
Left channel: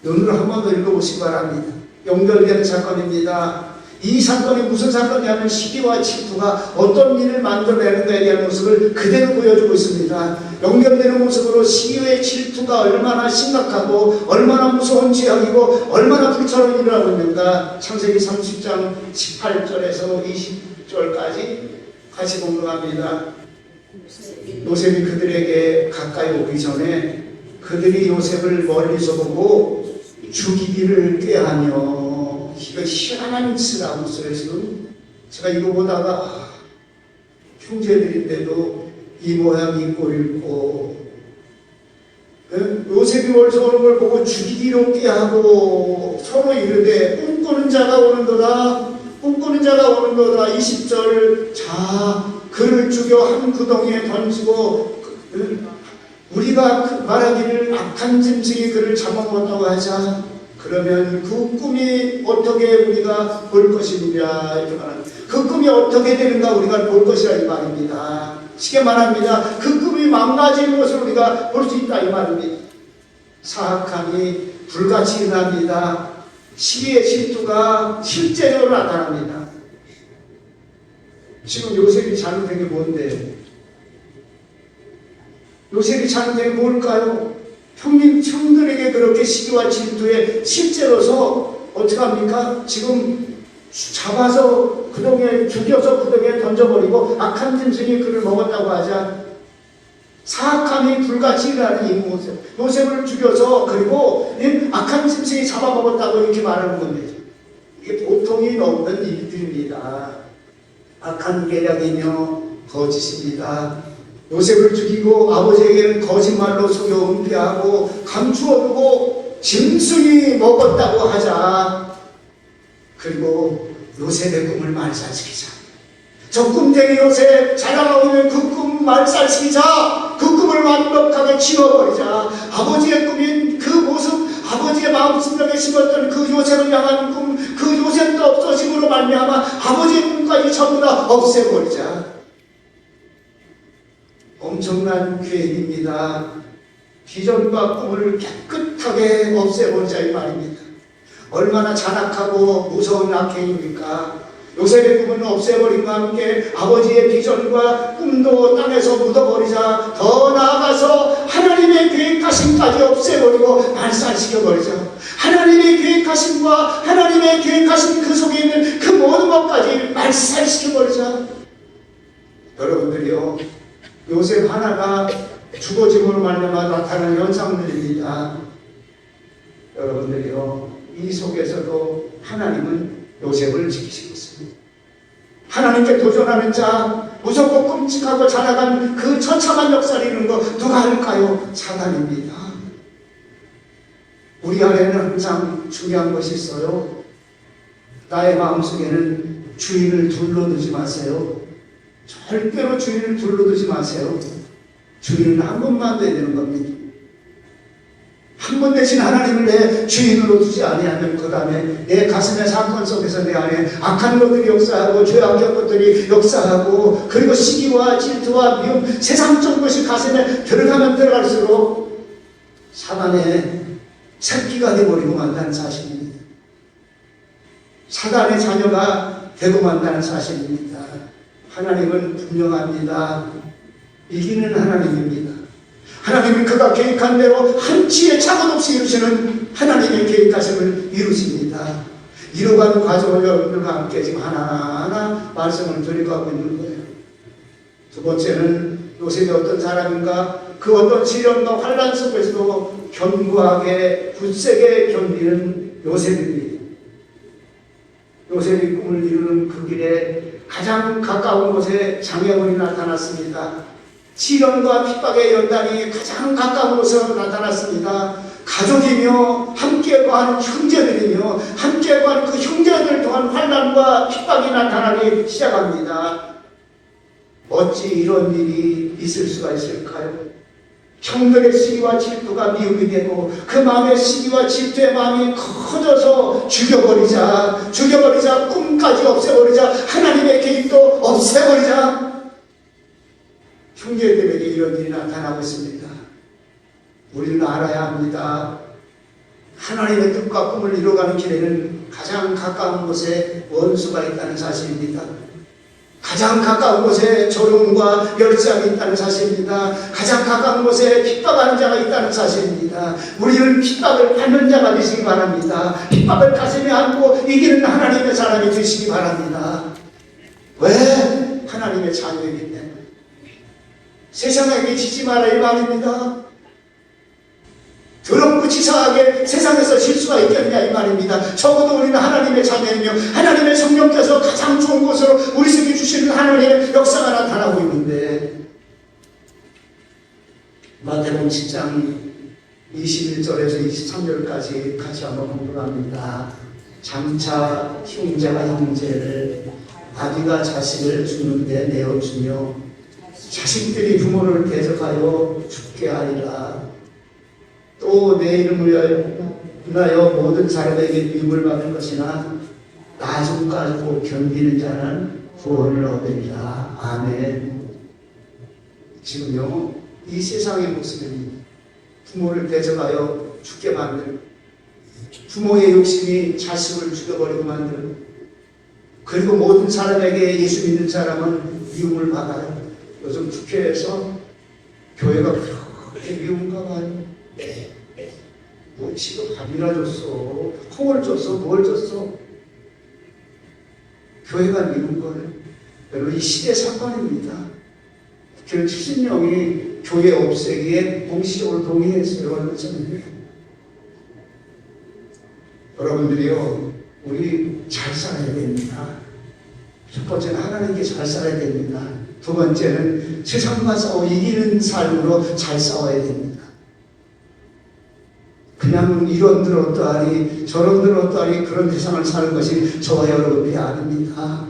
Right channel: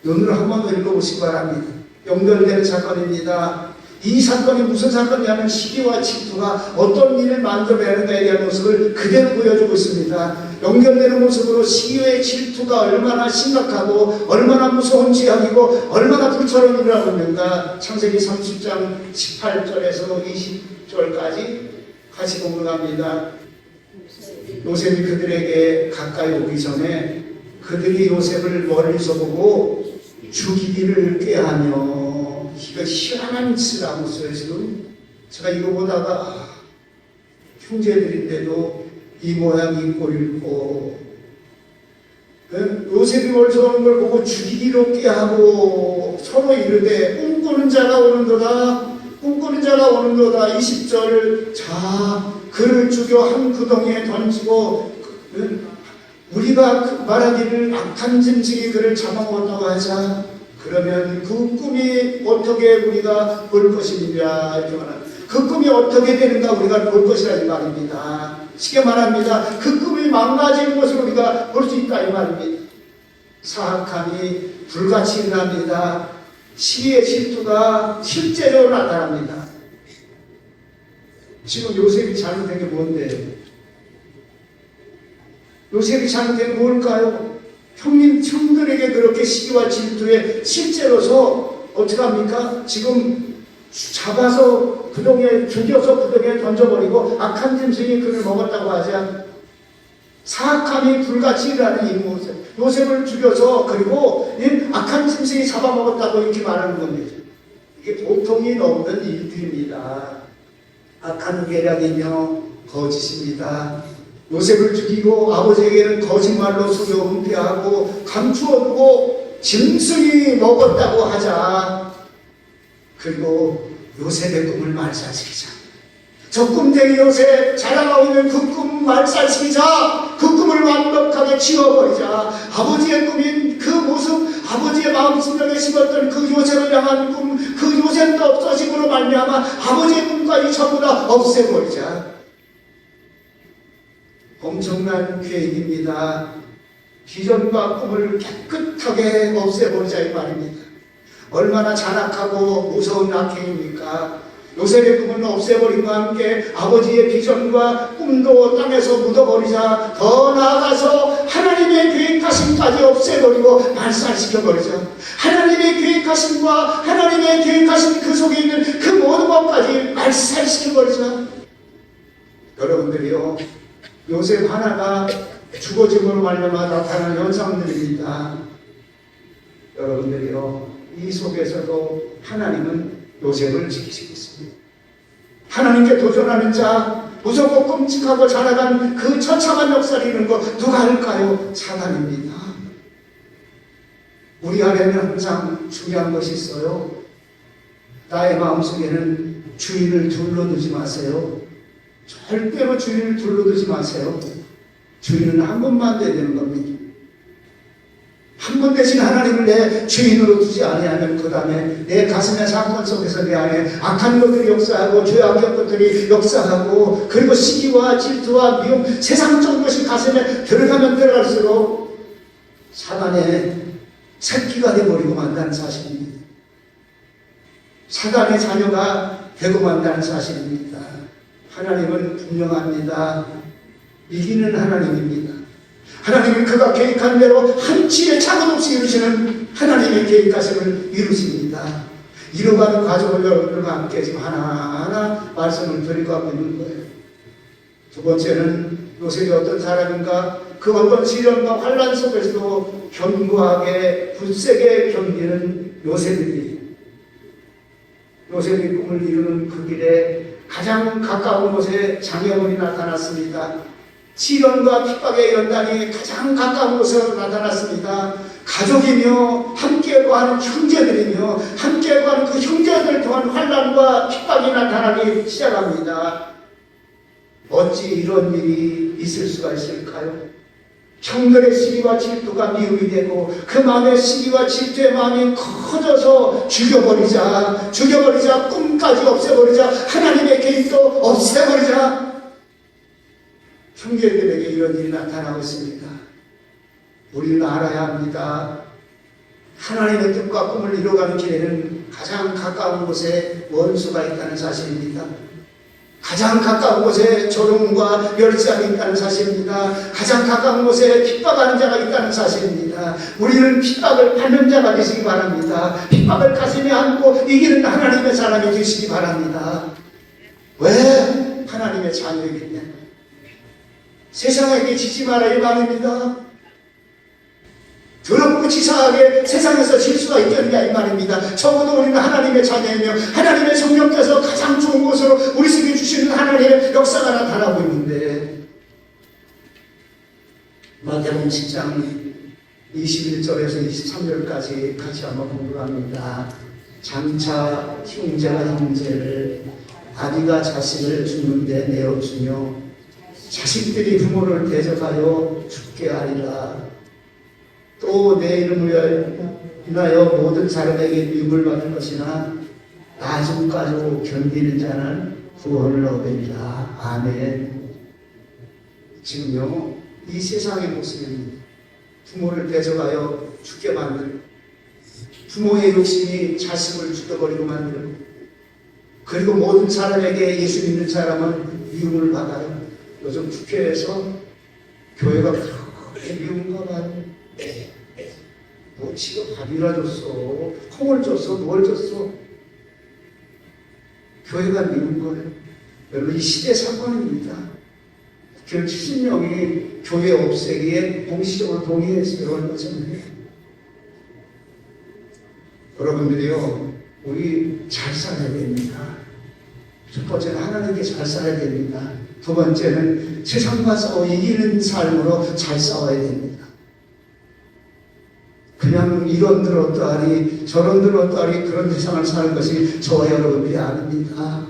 오늘 한 번 더 읽어보시기 바랍니다. 연결되는 사건입니다. 이 사건이 무슨 사건이냐면 시기와 질투가 어떤 일을 만들어내는가에 대한 모습을 그대로 보여주고 있습니다. 연결되는 모습으로 시기의 질투가 얼마나 심각하고 얼마나 무서운 지향이고 얼마나 불처럼 일어나고 있는가. 창세기 30장 18절에서 20절까지 같이 공부합니다. 요셉이 그들에게 가까이 오기 전에 그들이 요셉을 멀리서 보고 죽이기를 꾀하며 이거 희한한 짓을 하고 있어요. 지금 제가 이거 보다가 형제들인데도 이 모양 이 꼴이고 요셉이 멀리서 오는 걸 보고 죽이기롭게 하고 서로 이르되 꿈꾸는 자가 오는도다. 꿈꾸는 자가 오는도다. 20절. 자, 그를 죽여 한 구덩이에 던지고 우리가 말하기를 악한 짐승이 그를 잡아먹었다고 하자. 그러면 그 꿈이 어떻게 우리가 볼 것이냐 이렇게 말합니다. 그 꿈이 어떻게 되는가 우리가 볼 것이라 이 말입니다. 쉽게 말합니다. 그 꿈이 망가지는 것을 우리가 볼 수 있다 이 말입니다. 사악함이 불같이 일어납니다. 시기의 질투가 실제로 나타납니다. 지금 요셉이 잘못된 게 뭔데? 요셉이 잘못된 게 뭘까요? 형들에게 그렇게 시기와 질투에 실제로서 어떻게 합니까? 지금 잡아서 구덩이에 죽여서 구덩이에 던져버리고 악한 짐승이 그를 먹었다고 하자. 사악함이 불같이 일어나는 이 모습. 요셉을 죽여서 그리고 악한 짐승이 잡아먹었다고 이렇게 말하는 겁니다. 이게 보통이 없는 일들입니다. 악한 계략이며 거짓입니다. 요셉을 죽이고 아버지에게는 거짓말로 속여 은폐하고 감추어두고 짐승이 먹었다고 하자. 그리고 요셉의 꿈을 말살시키자. 저 꿈대로 요셉 자라나고 있는 그 꿈 말살시키자. 그 꿈을 완벽하게 치워버리자. 아버지의 꿈인 그 모습, 아버지의 마음속에 심었던 그 요셉을 향한 꿈, 그 요셉도 없어짐으로 말미암아 아버지의 꿈까지 전부 다 없애버리자. 엄청난 계획입니다. 비전과 꿈을 깨끗하게 없애버리자 이 말입니다. 얼마나 잔악하고 무서운 악행입니까? 요셉의 꿈은 없애버림과 함께 아버지의 비전과 꿈도 땅에서 묻어버리자. 더 나아가서 하나님의 계획하심까지 없애버리고 말살시켜버리자. 하나님의 계획하심과 하나님의 계획하심 그 속에 있는 그 모든 것까지 말살시켜버리자. 여러분들이요, 요셉 하나가 죽어짐을 말미암아 나타나는 현상들입니다. 여러분들이요, 이 속에서도 하나님은 요셉을 지키시고 있습니다. 하나님께 도전하는 자, 무섭고 끔찍하고 자라간 그 처참한 역사를 이루는 거 누가 할까요? 사단입니다. 우리 안에는 항상 중요한 것이 있어요. 나의 마음속에는 주인을 둘러두지 마세요. 절대로 주인을 둘러두지 마세요. 주인은 한 분만 돼야 되는 겁니다. 한 분 대신 하나님을 내 주인으로 두지 아니하면 그 다음에 내 가슴의 사건 속에서 내 안에 악한 것들이 역사하고 죄악의 것들이 역사하고 그리고 시기와 질투와 미움 세상적 것이 가슴에 들어가면 들어갈수록 사단의 새끼가 되어버리고 만다는 사실입니다. 사단의 자녀가 되고 만다는 사실입니다. 하나님은 분명합니다. 이기는 하나님입니다. 하나님이 그가 계획한 대로 한치의 차가 없이 이루시는 하나님의 계획하심을 이루십니다. 이루가는 과정을 여러분들과 함께 지금 하나하나 말씀을 드리고 있는 거예요. 두 번째는 요셉이 어떤 사람인가? 그 어떤 시련과 환란 속에서도 견고하게 굳세게 견디는 요셉입니다. 요셉이 꿈을 이루는 그 길에 가장 가까운 곳에 장애물이 나타났습니다. 시련과 핍박의 연단이 가장 가까운 곳에서 나타났습니다. 가족이며 함께 거하는 형제들이며 함께 거하는 그 형제들 동안 환난과 핍박이 나타나기 시작합니다. 어찌 이런 일이 있을 수가 있을까요? 형들의 시기와 질투가 미움이 되고 그 마음의 시기와 질투의 마음이 커져서 죽여버리자 꿈까지 없애버리자 하나님의 계획도 없애버리자. 형제들에게 이런 일이 나타나고 있습니다. 우리는 알아야 합니다. 하나님의 뜻과 꿈을 이루어가는 길에는 가장 가까운 곳에 원수가 있다는 사실입니다. 가장 가까운 곳에 조롱과 멸시함이 있다는 사실입니다. 가장 가까운 곳에 핍박하는 자가 있다는 사실입니다. 우리는 핍박을 받는 자가 되시기 바랍니다. 핍박을 가슴에 안고 이기는 하나님의 사람이 되시기 바랍니다. 왜? 하나님의 자녀이기 때문에. 세상에게 지지 말아야 말입니다. 더럽고 치사하게 세상에서 질 수가 있겠느냐 이 말입니다. 적어도 우리는 하나님의 자녀이며 하나님의 성령께서 가장 좋은 곳으로 우리 속에 주시는 하나님의 역사가 나타나고 있는데 마태복음 10장 21절에서 23절까지 같이 한번 공부를 합니다. 장차 형제가 형제를 아비가 자식을 주는데 내어주며 자식들이 부모를 대적하여 죽게 하리라. 또 내 이름을 인하여 모든 사람에게 미움을 받을 것이나 나중까지도 견디는 자는 구원을 얻으리라. 아멘. 지금요 이 세상의 모습은 부모를 대적하여 죽게 만들고 부모의 욕심이 자식을 죽여버리고 만들고 그리고 모든 사람에게 예수 믿는 사람은 미움을 받아요. 요즘 국회에서 교회가 그렇게 미움가 봐요. 뭐 지금 밥이나 줬어, 콩을 줬어, 뭘 줬어. 교회가 미운 거예요. 여러분 이 시대 사건입니다. 그 70명이 교회 없애기에 공식적으로 동의했어요. 여러분들이요, 우리 잘 살아야 됩니다. 첫 번째는 하나님께 잘 살아야 됩니다. 두 번째는 세상과 싸워 이기는 삶으로 잘 싸워야 됩니다. 그냥 이런 들었다니 저런 들었다니 그런 세상을 사는 것이 저와 여러분이 아닙니다.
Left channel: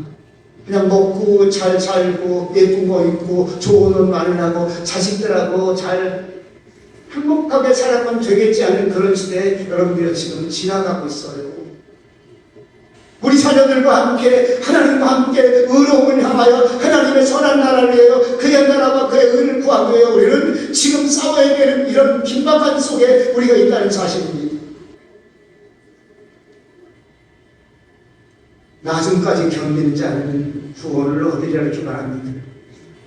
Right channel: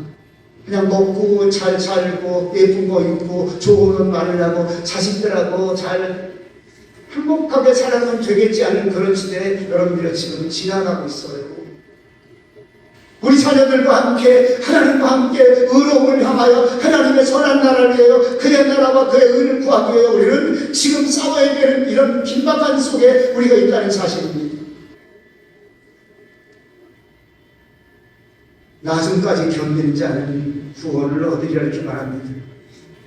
그냥 먹고 잘 살고 예쁜 거 입고 좋은 옷 많이 나고 자식들하고 잘 행복하게 살아가면 되겠지 않은 그런 시대에 여러분들이 지금 지나가고 있어요. 우리 자녀들과 함께 하나님과 함께 의로움을 향하여 하나님의 선한 나라를 위하여 그의 나라와 그의 의를 구하기 위해 우리는 지금 싸워야 되는 이런 긴박한 속에 우리가 있다는 사실입니다. 나중까지 견디는 자는 구원을 얻으리라 이렇게 말합니다.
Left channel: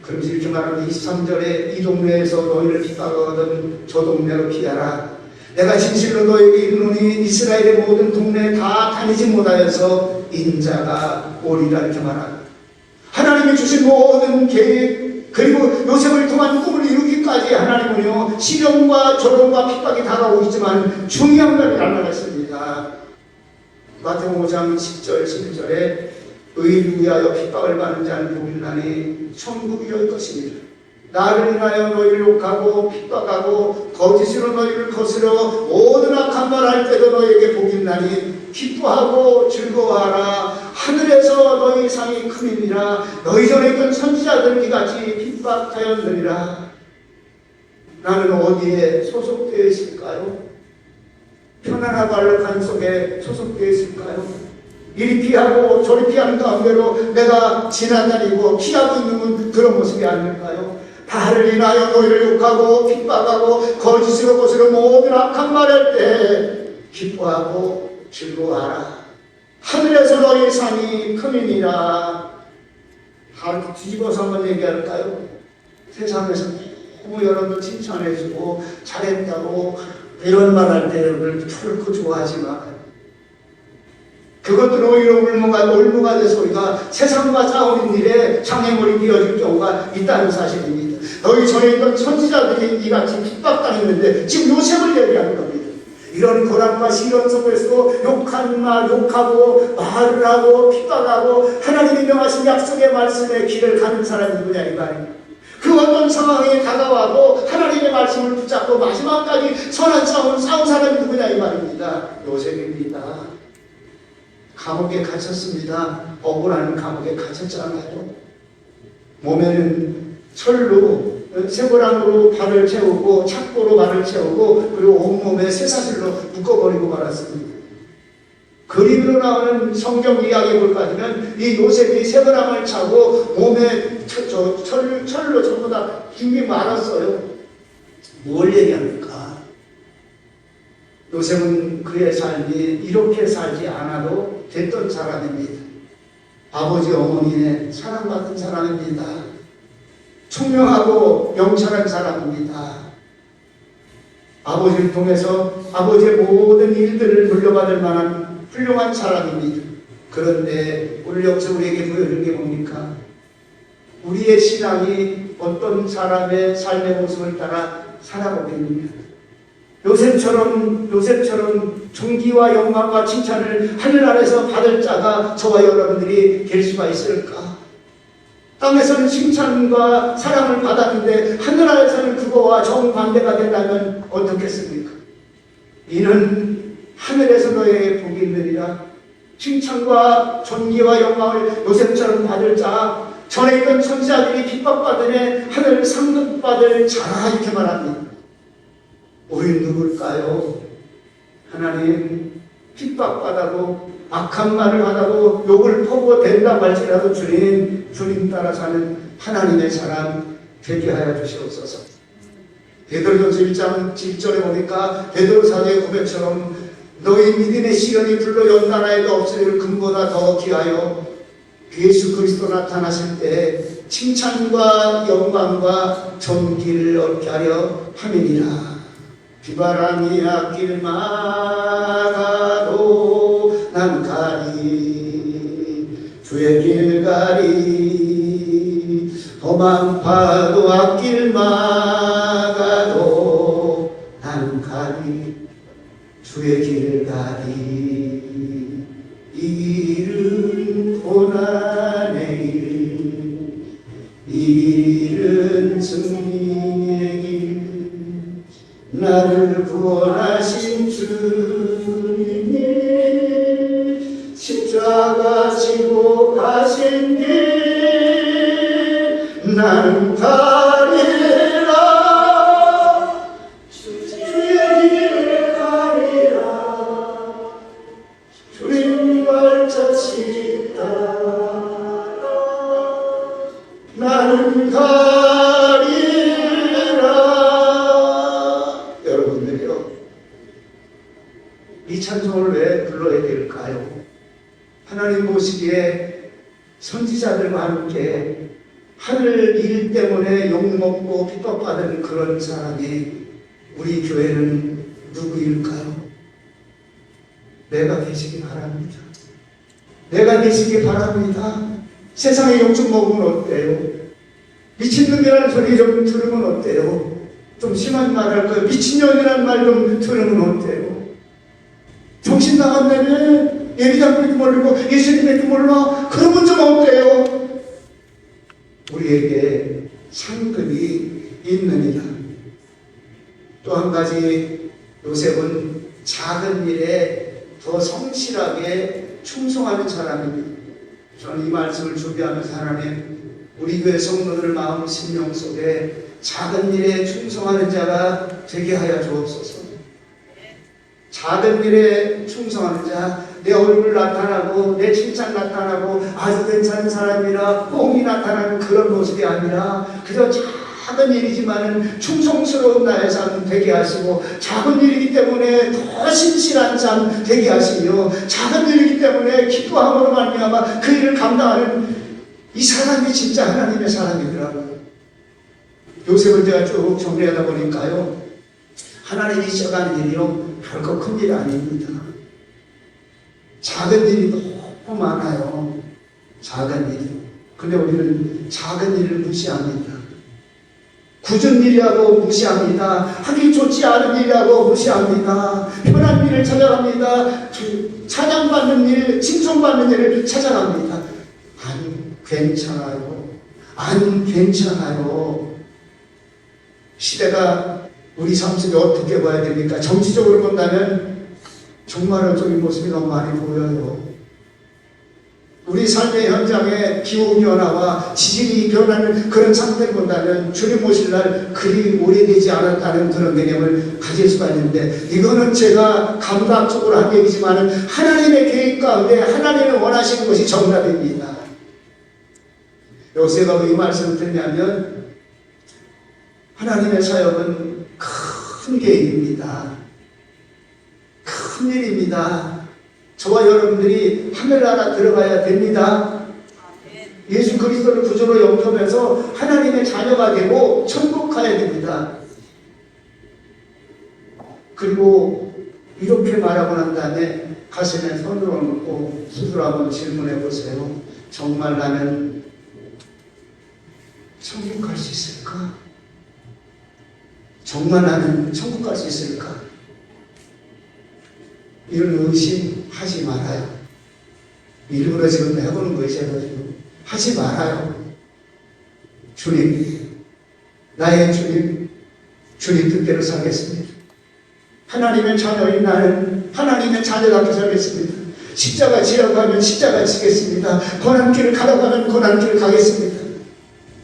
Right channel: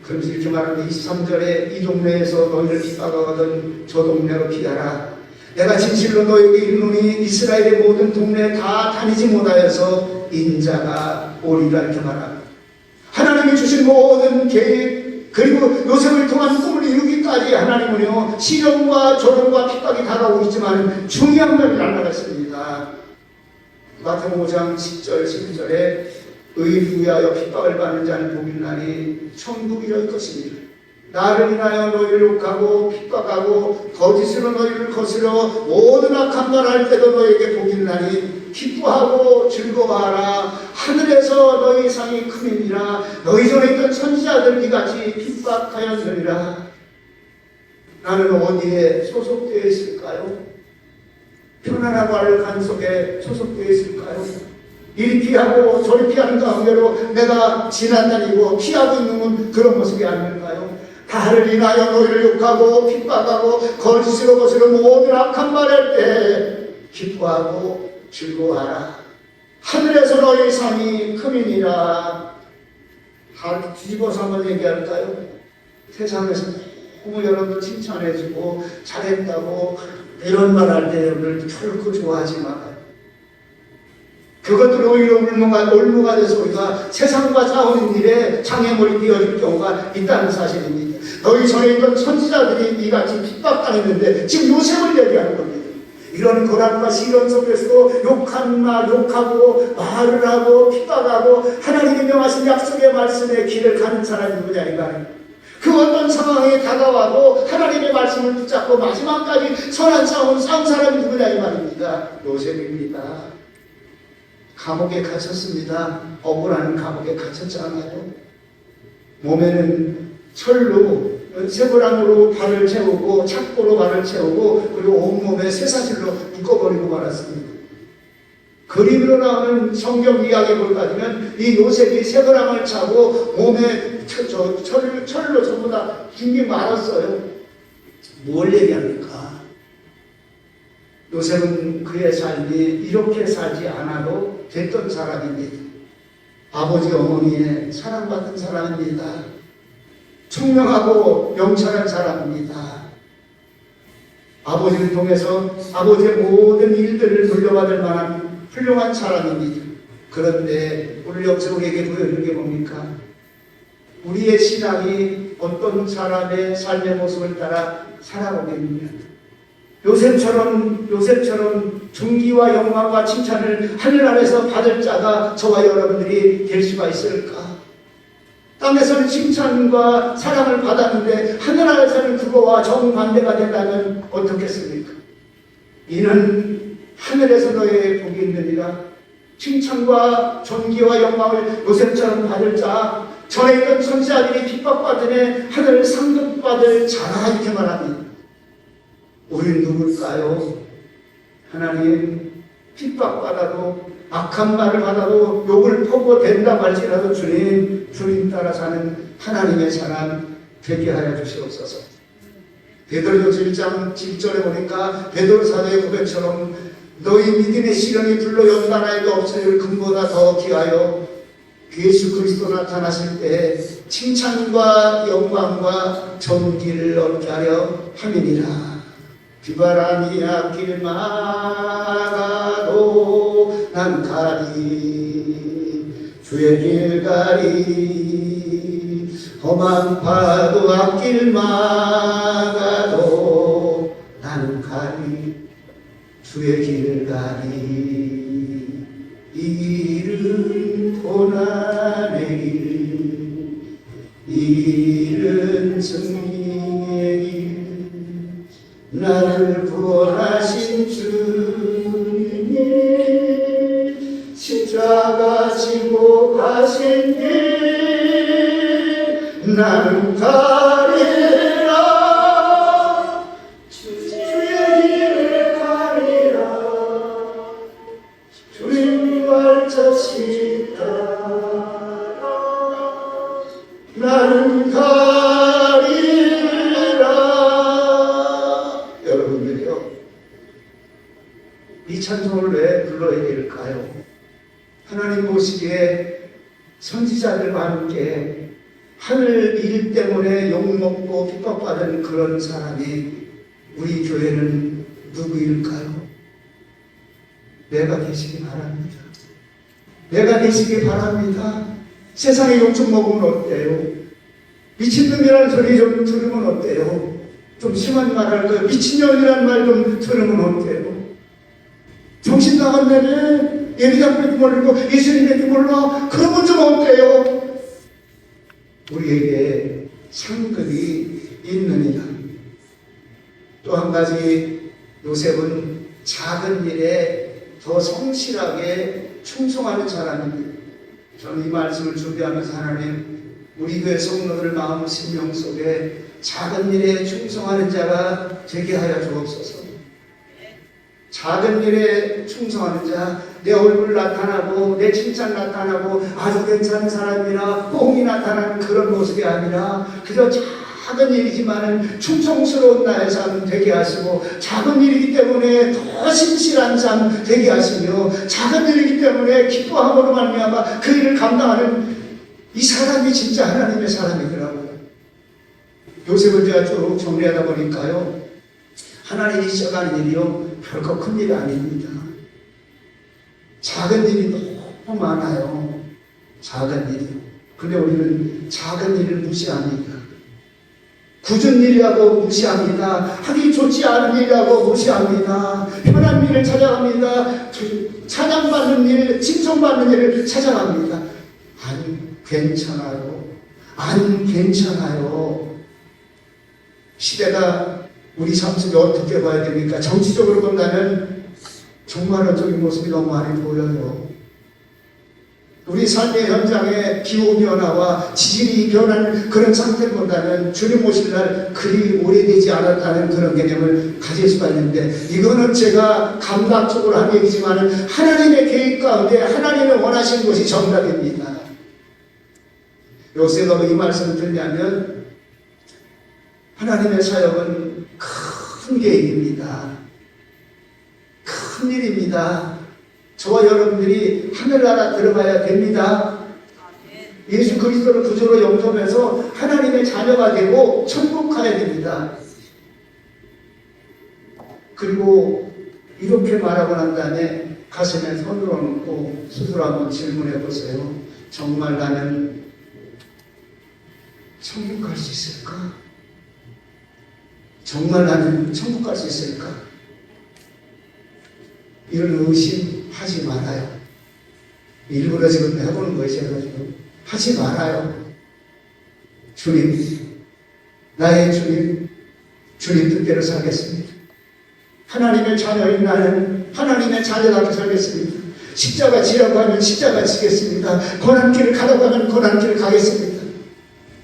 그런지 이렇게 말하면 23절에 이 동네에서 너희를 핍박하거든 저 동네로 피하라. 내가 진실로 너희에게 이르노니 이스라엘의 모든 동네에 다 다니지 못하여서 인자가 오리라 이렇게 말합니다. 하나님이 주신 모든 계획 그리고 요셉을 통한 꿈을 이루기까지 하나님은요 시련과 조롱과 핍박이 다가오고 있지만 중요한 것을 알려놨습니다. 마태복음 5장 10절 11절에 의를 위하여 핍박을 받는 자는 복이 나니 천국이 너희 것입니다. 나를 인하여 너희를 욕하고 핍박하고 거짓으로 너희를 거스려 모든 악한 말 할 때도 너희에게 복이 나니 기뻐하고 즐거워하라. 하늘에서 너희 상이 큼이니라. 너희 전에 있던 선지자들 이같이 핍박하였느니라. 나는 어디에 소속되어 있을까요? 편안하고 안락한 속에 소속되어 있을까요? 이리 피하고 저리 피하는 가운데도 내가 지나다니고 피하고 있는 그런 모습이 아닐까요? 나를 인하여 너희를 욕하고 핍박하고 거짓으로 거스려 모든 악한 말할 때 기뻐하고 즐거워하라. 하늘에서 너희 상이 큼이니라. 다 뒤집어서 한번 얘기할까요? 세상에서 너무 여러분들 칭찬해주고 잘했다고 이런 말 할 때 여러분들 결코 좋아하지 마요. 그것도 오히려 올무가 돼서 우리가 세상과 싸우는 일에 장애물이 되어질 경우가 있다는 사실입니다. 너희 전에 있던 선지자들이 이같이 핍박당했는데 지금 요셉을 얘기하는 겁니다. 이런 고난과 시련 속에서도 욕하고 말을 하고 핍박하고 하나님이 명하신 약속의 말씀에 길을 가는 사람이 누구냐 이 말입니다. 그 어떤 상황에 다가와도 하나님의 말씀을 붙잡고 마지막까지 선한 싸운 사람이 누구냐 이 말입니다. 요셉입니다. 감옥에 갇혔습니다. 억울한 감옥에 갇혔잖아요. 몸에는 철로 쇠고랑으로 발을 채우고 착고로 발을 채우고 그리고 온몸에 쇠사슬로 묶어버리고 말았습니다. 그림으로 나오는 성경 이야기 볼까지는 이 요셉이 쇠고랑을 차고 몸에 철로 전부 다 힘이 많았어요. 뭘 얘기합니까? 요셉은 그의 삶이 이렇게 살지 않아도 됐던 사람입니다. 아버지 어머니의 사랑받는 사람입니다. 총명하고 명철한 사람입니다. 아버지를 통해서 아버지의 모든 일들을 물려받을 만한 훌륭한 사람입니다. 그런데 오늘 여기서 우리에게 보여주는 게 뭡니까? 우리의 신앙이 어떤 사람의 삶의 모습을 따라 살아오겠느냐. 요셉처럼 존귀와 영광과 칭찬을 하늘나라에서 받을 자가 저와 여러분들이 될 수가 있을까? 땅에서는 칭찬과 사랑을 받았는데 하늘나라에서는 그거와 정반대가 된다면 어떻겠습니까? 이는 하늘에서 너의 복이 있느니라. 칭찬과 존귀와 영광을 요셉처럼 받을 자, 전에 있던 천사들이 핍박받으네 하늘 상급받을 자라, 이렇게 말합니다. 우리는 누굴까요? 하나님, 핍박받아도 악한 말을 하다도 욕을 퍼부어댄다고 할지라도 주님 따라 사는 하나님의 사람 되게 하여 주시옵소서. 베드로전서 1장 7절에 보니까 베드로 사도의 고백처럼 너희 믿음의 시련이 불러 연단하여도 없으리를 금보다 더 귀하여 예수 그리스도 나타나실 때 칭찬과 영광과 존귀를 얻게 하려 함이니라. 비바람이 앞길 막아도 난 가리, 주의 길 가리. 험한 파도 앞길 막아도 난 가리, 주의 길 가리. 이 길은 고난의 길, 이 길은 승리의 길. 나를 구원하신 주님이 십자가 지고 가신 길 나는 가리라. 주의 길을 가리라. 주님 발자취 따라 나는 가리라. 여러분들이요, 이 찬송을 왜 불러야 될까요? 하나님 보시기에 선지자들과 함께 하늘 일 때문에 욕먹고 핍박받은 그런 사람이 우리 교회는 누구일까요? 내가 되시기 바랍니다. 내가 되시기 바랍니다. 세상에 욕 좀 먹으면 어때요? 미친놈이라는 소리 좀 들으면 어때요? 좀 심한 말 할 거예요. 미친년이라는 말 좀 들으면 어때요? 정신 나간다며 예리장님도 모르고 예수님도 몰라. 그러면 좀 어때요? 우리에게 상급이 있느니라. 또 한 가지, 요셉은 작은 일에 더 성실하게 충성하는 사람입니다. 저는 이 말씀을 준비하면서 하나님, 우리 교회 성도들 마음 심령 속에 작은 일에 충성하는 자가 되게 하여 주옵소서. 작은 일에 충성하는 자, 내 얼굴 나타나고 내 칭찬 나타나고 아주 괜찮은 사람이라 뽕이 나타나는 그런 모습이 아니라 그저 작은 일이지만은 충성스러운 나의 삶 되게 하시고, 작은 일이기 때문에 더 신실한 삶 되게 하시며, 작은 일이기 때문에 기뻐함으로 말미암아 그 일을 감당하는 이 사람이 진짜 하나님의 사람이더라고요. 요셉을 제가 쭉 정리하다 보니까요, 하나님이 시작하는 일이요 별거 큰 일이 아닙니다. 작은 일이 너무 많아요. 작은 일이. 근데 우리는 작은 일을 무시합니다. 굳은 일이라고 무시합니다. 하기 좋지 않은 일이라고 무시합니다. 편한 일을 찾아갑니다. 찬양받는 일, 칭송받는 일을 찾아갑니다. 안 괜찮아요. 안 괜찮아요. 시대가 우리 삶 속에 어떻게 봐야 됩니까? 정치적으로 본다면 정말로 저기 모습이 너무 많이 보여요. 우리 삶의 현장에 기후변화와 지진이 변하는 그런 상태를 본다면 주님 오실 날 그리 오래되지 않았다는 그런 개념을 가질 수가 있는데, 이거는 제가 감각적으로 한 얘기지만 하나님의 계획 가운데 하나님의 원하시는 것이 정답입니다. 요새가 이 말씀을 듣냐면 하나님의 사역은 큰 계획입니다. 큰 일입니다. 저와 여러분들이 하늘나라 들어가야 됩니다. 예수 그리스도를 구주로 영접해서 하나님의 자녀가 되고 천국 가야 됩니다. 그리고 이렇게 말하고 난 다음에 가슴에 손을 얹고 스스로 한번 질문해 보세요. 정말 나는 천국 갈 수 있을까? 정말 나는 천국 갈 수 있을까? 이런 의심하지 말아요. 일부러 지금 해보는 것이어가지고 하지 말아요. 주님, 나의 주님, 주님 뜻대로 살겠습니다. 하나님의 자녀인 나는 하나님의 자녀답게 살겠습니다. 십자가 지라고 하면 십자가 지겠습니다. 고난길을 가라고 하면 고난길을 가겠습니다.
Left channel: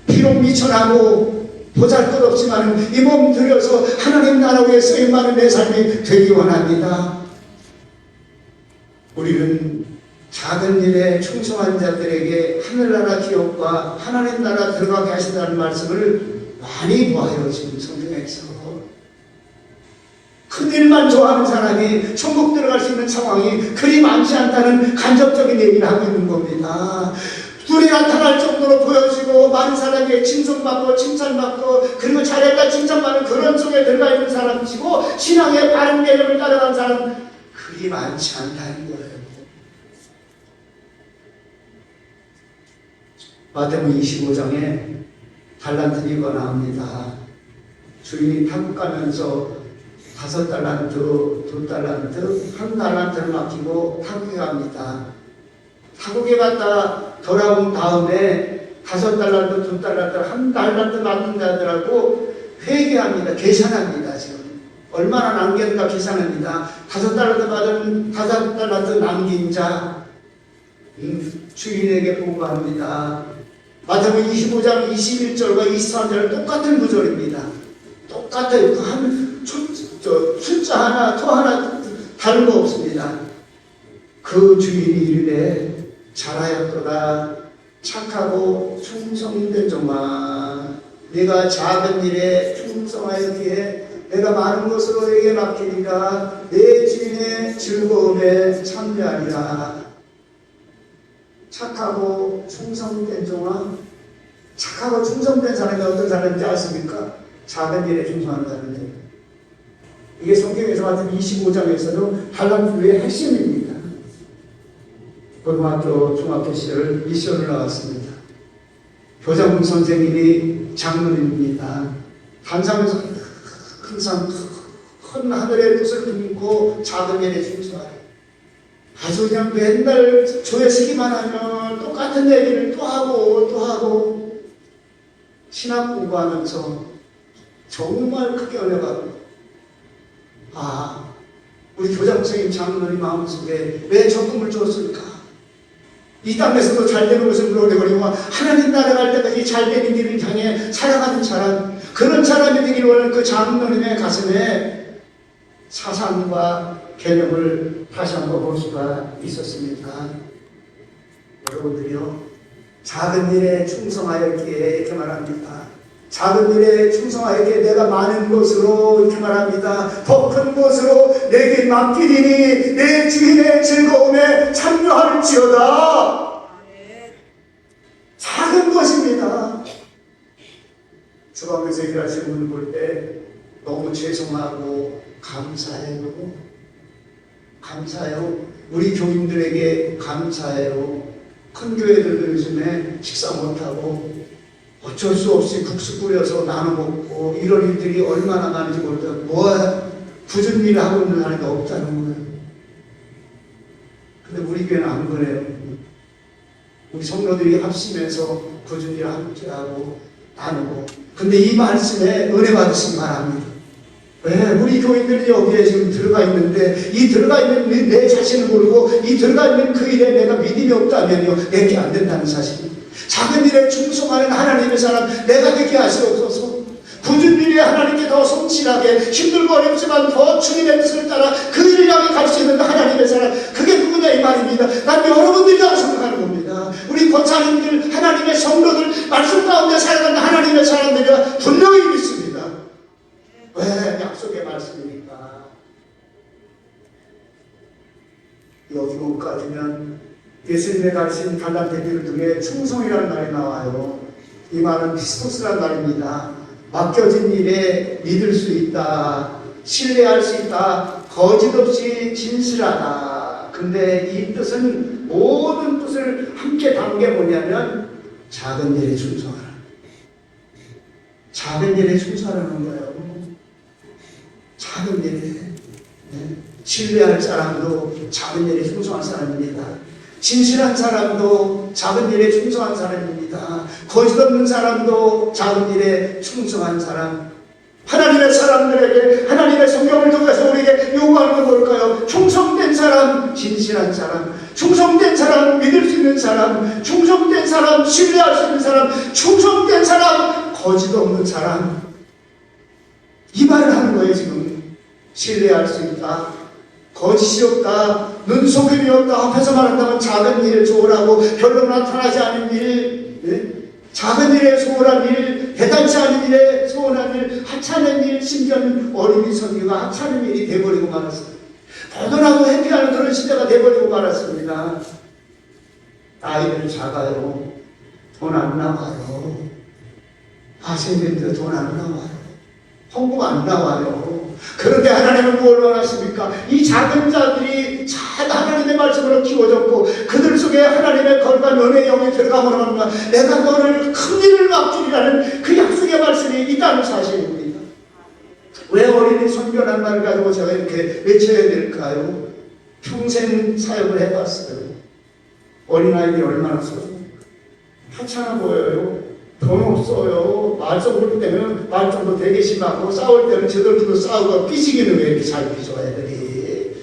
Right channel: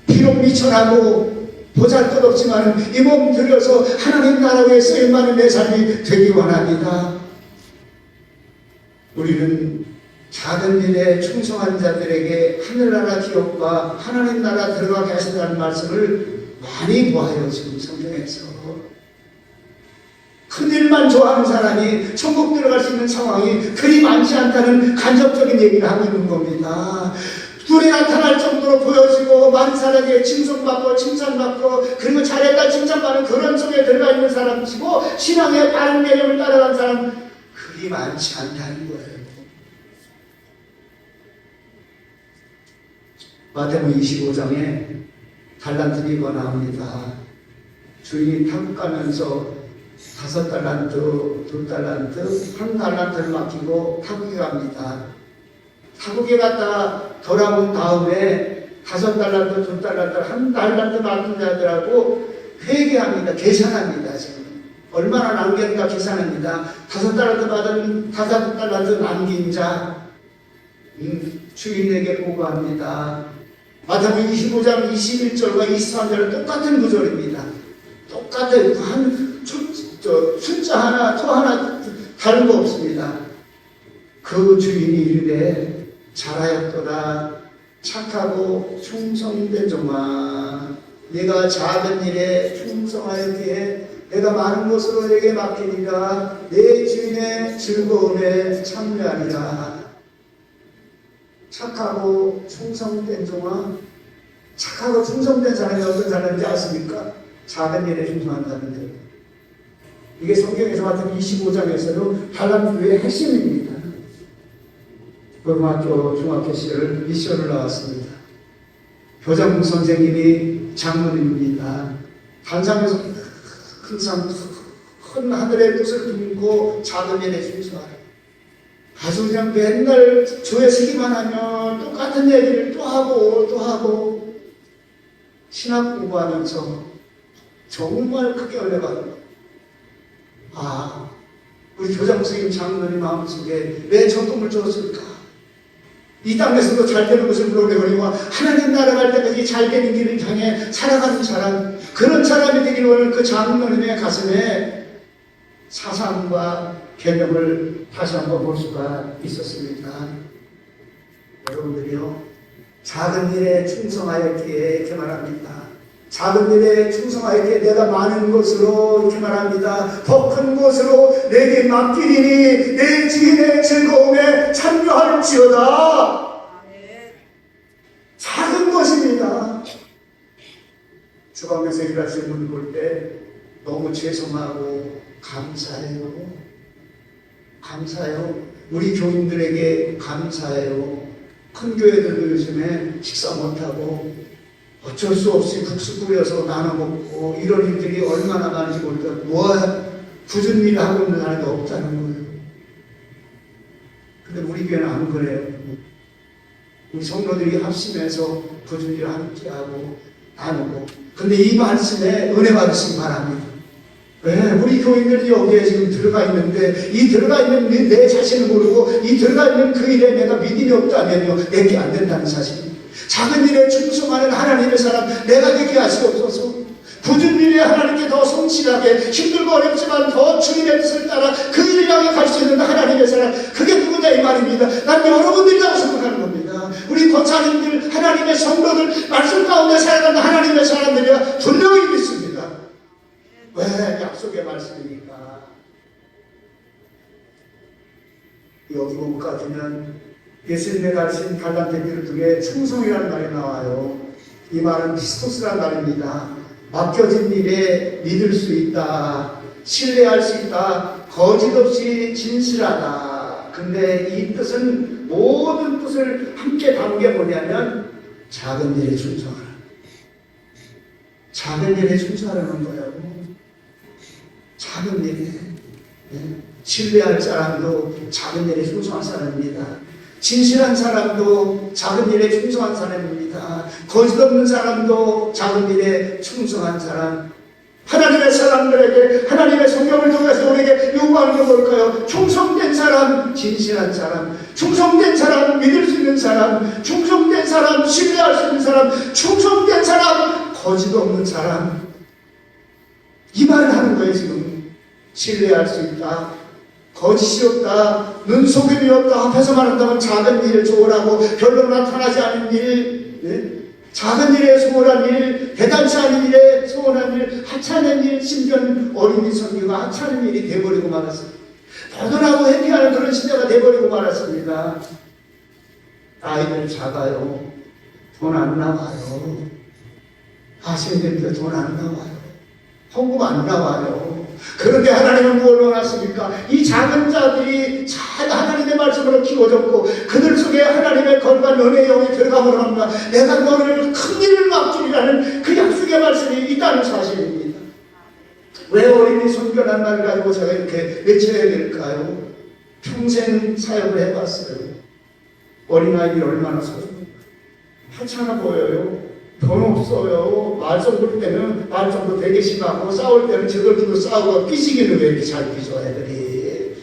비록 미천하고 보잘것없지만 이 몸 들여서 하나님 나라 위에 쓰임받는 내 삶이 되기 원합니다. 우리는 작은 일에 충성한 자들에게 하늘나라 기업과 하나님 나라 들어가게 하신다는 말씀을 많이 보아요. 지금 성경에서 큰 일만 좋아하는 사람이 천국 들어갈 수 있는 상황이 그리 많지 않다는 간접적인 얘기를 하고 있는 겁니다. 눈에 나타날 정도로 보여지고 많은 사람에게 칭송받고 칭찬받고 그리고 잘했다 칭찬받는 그런 속에 들어가 있는 사람이고 신앙의 바른 개념을 따라가는 사람 그리 많지 않다는 거예요. 마태복음 25장에 달란트 이거 나옵니다. 주인이 타국 가면서 5달란트, 2달란트, 1달란트를 맡기고 타국에 갑니다. 타국에 갔다 돌아온 다음에 5달란트, 2달란트, 1달란트 맡긴 자들하고 회개합니다. 계산합니다. 지금 얼마나 남겼는가 계산합니다. 5달란트 받은 5달란트 남긴 자 주인에게 보고합니다. 마태복음 25장 21절과 23절은 똑같은 구절입니다. 똑같은 숫자 하나 또 하나 다른 거 없습니다. 그 주인이 이르되 잘하였도다 착하고 충성된 종아 네가 작은 일에 충성하였기에 내가 많은 것으로 너에게 맡기니까 내 주인의 즐거움에 참여하리라. 착하고 충성된 종아 착하고 충성된 사람이 어떤 사람인지 아십니까? 작은 일에 충성하는 사람인데 이게 성경에서 같은 25장에서도 달란트의 핵심입니다. 고등학교, 중학교 시절 미션을 나왔습니다. 교장 선생님이 장로님입니다. 단상에서 항상 큰 하늘의 뜻을 품고 작은 일에 충성하라. 아주 그냥 맨날 조회시기만 하면 똑같은 얘기를 또 하고 신학 공부하면서 정말 크게 은혜 받습니다. 우리 교장 선생님 장로님 마음속에 왜 적금을 줬을까? 이 땅에서도 잘 되는 것을 노래거리고 하나님 나라 갈 때까지 잘 되는 길을 향해 살아가는 사람 그런 사람이 되길 원하는 그 장로님의 가슴에 사상과 개념을 다시 한번 볼 수가 있었습니다. 여러분들이요 작은 일에 충성하였기에 이렇게 말합니다. 작은 일에 충성하였기에 내가 많은 것으로 이렇게 말합니다. 더 큰 것으로 내게 맡기니 내 주인의 즐거움에 참여할지어다. 작은 것입니다. 주방에서 일하시는 분 볼 때 너무 죄송하고 감사해요. 우리 교인들에게 감사해요. 큰 교회들도 요즘에 식사 못하고 어쩔 수 없이 국수 끓여서 나눠 먹고 이런 일들이 얼마나 많은지 모르겠어요. 굳은 일을 하고 있는 사람이 없다는 거예요. 근데 우리 교회는 안 그래요. 우리 성도들이 합심해서 굳은 일을 함께하고 나누고 근데 이 말씀에 은혜 받으시기 바랍니다. 네, 우리 교인들이 여기에 지금 들어가 있는데 이 들어가 있는 내 자신을 모르고 이 들어가 있는 그 일에 내가 믿음이 없다면요 내게 안 된다는 사실입니다. 작은 일에 충성하는 하나님의 사람 내가 되게 하시옵소서. 굳은 일에 하나님께 더 성실하게 힘들고 어렵지만 더 주님의 뜻을 따라 그 일을 향해 갈 수 있는 하나님의 사람 그게 누구냐 이 말입니다. 난 여러분들이라고 생각하는 겁니다. 우리 권사님들 하나님의 성도들 말씀 가운데 살아가는 하나님의 사람들이라 분명히 믿습니다. 왜 약속의 말씀이니까. 여기 보까지는 예수님의 가르친 달란트들 중에 충성이라는 말이 나와요. 이 말은 피스토스라는 말입니다. 맡겨진 일에 믿을 수 있다, 신뢰할 수 있다, 거짓없이 진실하다. 근데 이 뜻은 모든 뜻을 함께 담겨 보냐면 작은 일에 충성하라. 작은 일에 충성하라는 거예요. 작은 일에. 신뢰할 사람도 작은 일에 충성한 사람입니다. 진실한 사람도 작은 일에 충성한 사람입니다. 거짓 없는 사람도 작은 일에 충성한 사람. 하나님의 사람들에게 하나님의 성경을 통해서 우리에게 요구하는 게 뭘까요? 충성된 사람, 진실한 사람, 충성된 사람, 믿을 수 있는 사람, 충성된 사람, 신뢰할 수 있는 사람, 충성된 사람, 거짓 없는 사람. 이 말을 하는 거예요. 지금 신뢰할 수 있다, 거짓이 없다, 눈속임이 없다. 앞에서 말한다면 작은 일을 조언하고 별로 나타나지 않은 일, 네? 작은 일에 소홀한 일, 대단치 않은 일에 소홀한 일, 하찮은 일, 심지어 어린이 선교가 하찮은 일이 돼버리고 말았습니다. 보더라도 회피하는 그런 시대가 돼버리고 말았습니다. 아이들 작아요. 돈 안 나와요. 하세면도 돈 안 나와요. 헌금 안 나와요. 그런데 하나님은 뭘 원하십니까? 이 작은 자들이 잘 하나님의 말씀으로 키워졌고 그들 속에 하나님의 거룩한 은혜의 영이 들어가므로 합니다. 내가 너를 큰 일을 맡기리라는 그 약속의 말씀이 있다는 사실입니다. 왜 어린이 선교란 말을 가지고 제가 이렇게 외쳐야 될까요? 평생 사역을 해봤어요. 어린아이들이 얼마나 하찮아 보여요. 돈 없어요. 말썽 때는 말썽도 되게 심하고 싸울 때는 저들끼리도 싸우고 삐지기는 왜 이렇게 잘 삐져야 되니?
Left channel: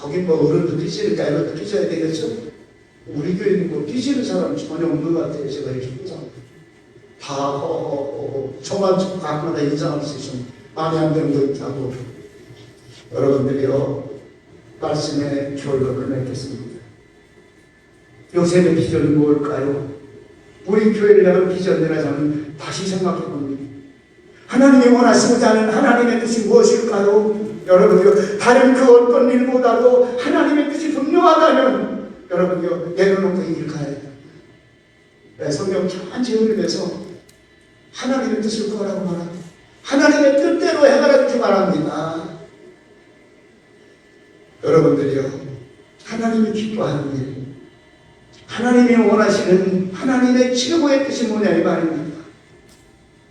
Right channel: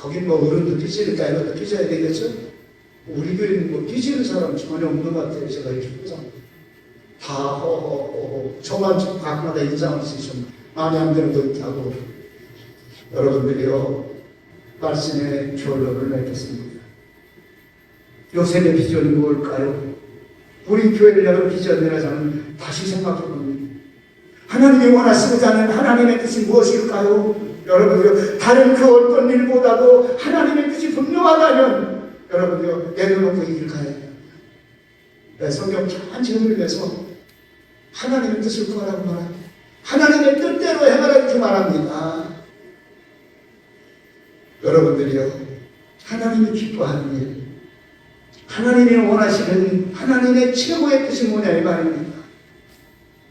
거긴 뭐 어른도 삐지니까 애들도 삐져야 되겠죠? 우리 교회는 뭐 삐지는 사람 전혀 없는 것 같아요. 제가 이렇게 보잖아요. 다 저만 좀 가끔마다 인상을 쓰시면 마음에 안 드는 거 있다고 여러분들이요 말씀의 결론을 맺겠습니다. 요셉의 비전이 뭘까요? 우리 교회를 향한 비전이라 저는 다시 생각해 봅니다. 하나님이 원하시는 자는 하나님의 뜻이 무엇일까요? 여러분요, 다른 그 어떤 일보다도 하나님의 뜻이 분명하다면 여러분요, 내려놓고 이 길 가야 돼요. 성경 천천히 읽으면서 하나님의 뜻을 구하라고 말합니다. 하나님의 뜻대로 행하라 이렇게 말합니다. 여러분들이요, 하나님이 기뻐하는 일, 하나님이 원하시는 하나님의 최고의 뜻이 뭐냐 이 말입니다.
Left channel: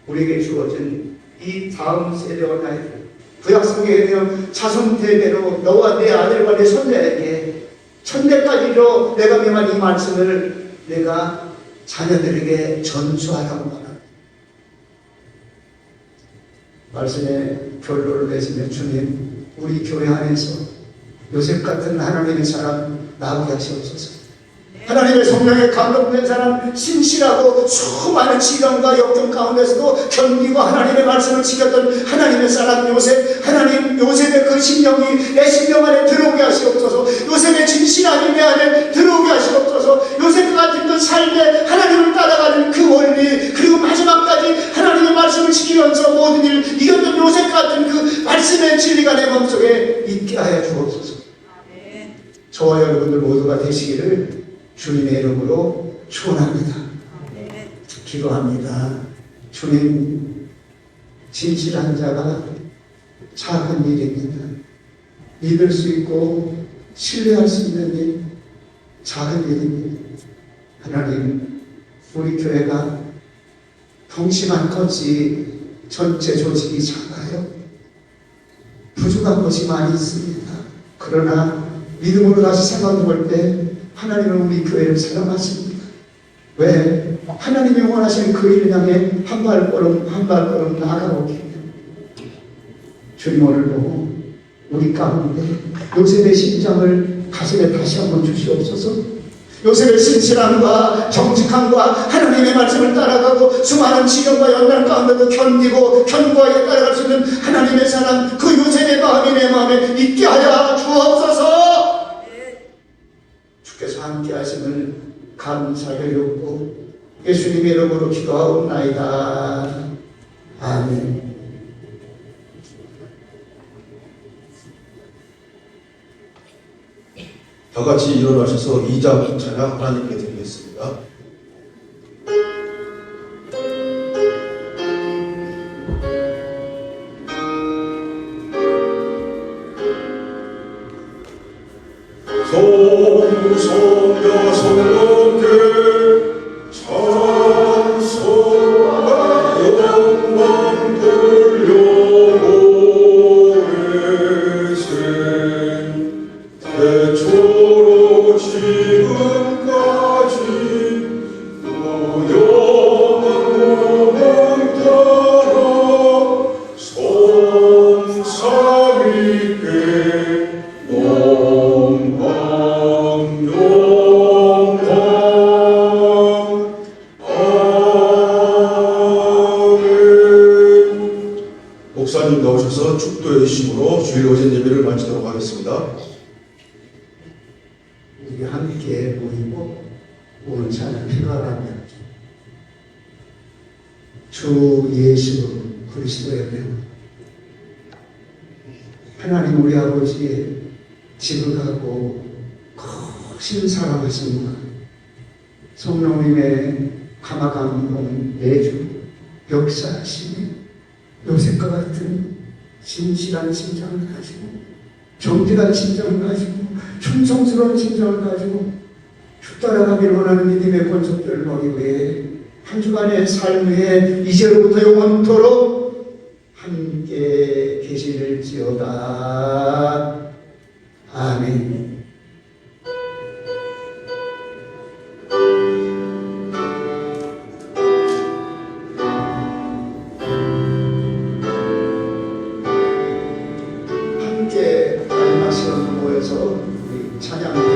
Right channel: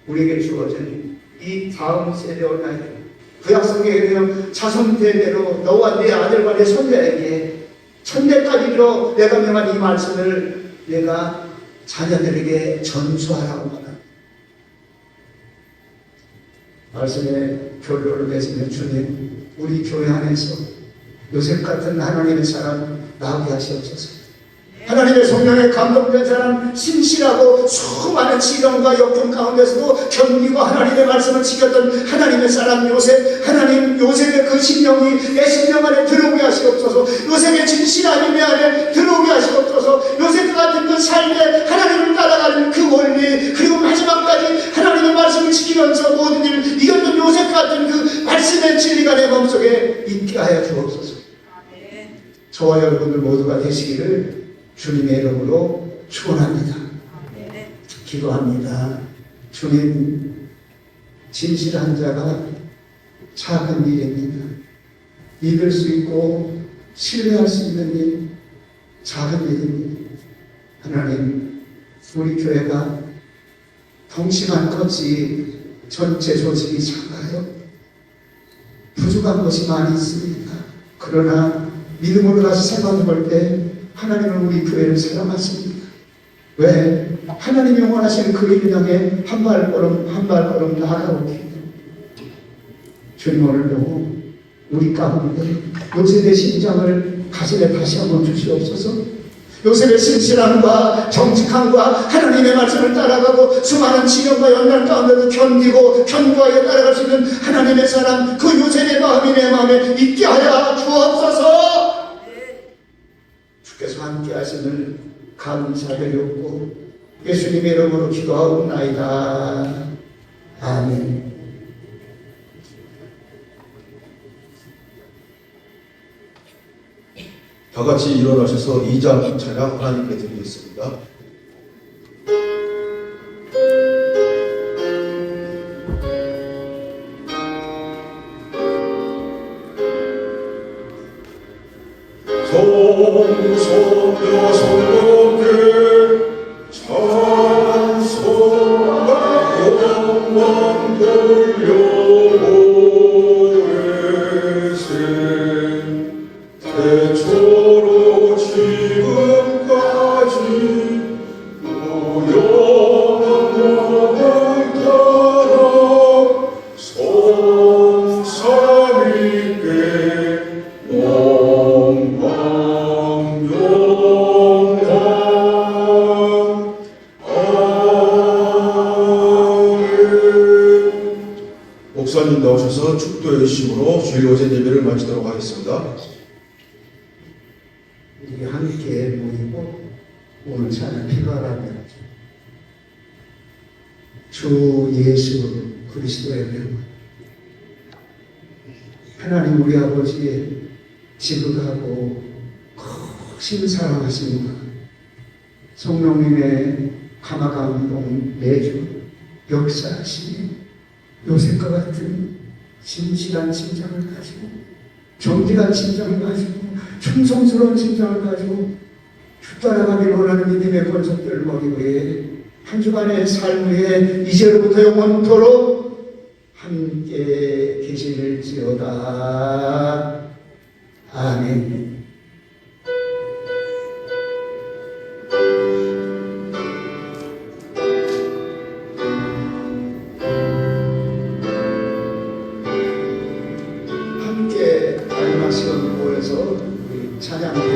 우리에게 주어진 이 다음 세대와 나이들, 구약성경에 대한 자손 대대로 너와 네 아들과 네 손자에게 천대까지도 내가 명한 이 말씀을 내가 자녀들에게 전수하라고 말합니다. 말씀의 결론을 내시면 주님, 우리 교회 안에서 요셉 같은 하나님의 사람 나오게 하시옵소서. 하나님의 성령에 감동된 사람, 신실하고 수많은 시련과 역경 가운데서도 견디고 하나님의 말씀을 지켰던 하나님의 사람 요셉, 하나님 요셉의 그 심령이 내 심령 안에 들어오게 하시옵소서. 요셉의 진실함이 내 안에 들어오게 하시옵소서. 요셉 같은 그 삶에 하나님을 따라가는 그 원리, 그리고 마지막까지 하나님의 말씀을 지키면서 모든 일을 이겼던 요셉 같은 그 말씀의 진리가 내 마음속에 있게 하여 주옵소서. 저와 여러분들 모두가 되시기를 주님의 이름으로 축원합니다. 기도합니다. 주님, 진실한 자가 작은 일입니다. 믿을 수 있고 신뢰할 수 있는 일, 작은 일입니다. 하나님, 우리 교회가 덩치만 컸지 전체 조직이 작아요. 부족한 것이 많이 있습니다. 그러나 믿음으로 다시 생각해 볼 때 하나님은 우리 교회를 사랑하십니다. 왜? 하나님이 원하시는 그 일을 향해 한 발걸음 한 발걸음 나아가오게. 주님, 오늘도 우리 가운데 요셉의 심장을 가슴에 다시 한번 주시옵소서. 요셉의 신실함과 정직함과 하나님의 말씀을 따라가고 수많은 시련과 연단 가운데도 견디고 견고하게 따라갈 수 있는 하나님의 사람, 그 요셉의 마음이 내 마음에 있게 하여 주옵소서. 주께서 함께 하심을 감사드렸고 예수님의 이름으로 기도하옵나이다. 아멘. 다 같이 일어나셔서 2장 찬양 하나님께 드리겠습니다. 성소녀 성령들 찬송과 영광 돌려보내세. 태초로 지금까지 영원토록 주일 오전 예배를 마치도록 하겠습니다. 우리 함께 모이고 오늘 찬양 필요하다면 주 예수 그리스도의 그 하나님 우리 아버지의 지극하고 크신 사랑하심과 성령님의 감화감동 매주 역사하심이 요셉과 같은 진실한 심장을 가지고 정직한 심장을 가지고 충성스러운 심장을 가지고 주 따라가길 원하는 믿음의 본속들을 머리 위해 한 주간의 삶의 이제로부터 영원토록 함께 계실지어다. 아멘. 함께 말씀을 모여서 우리 찬양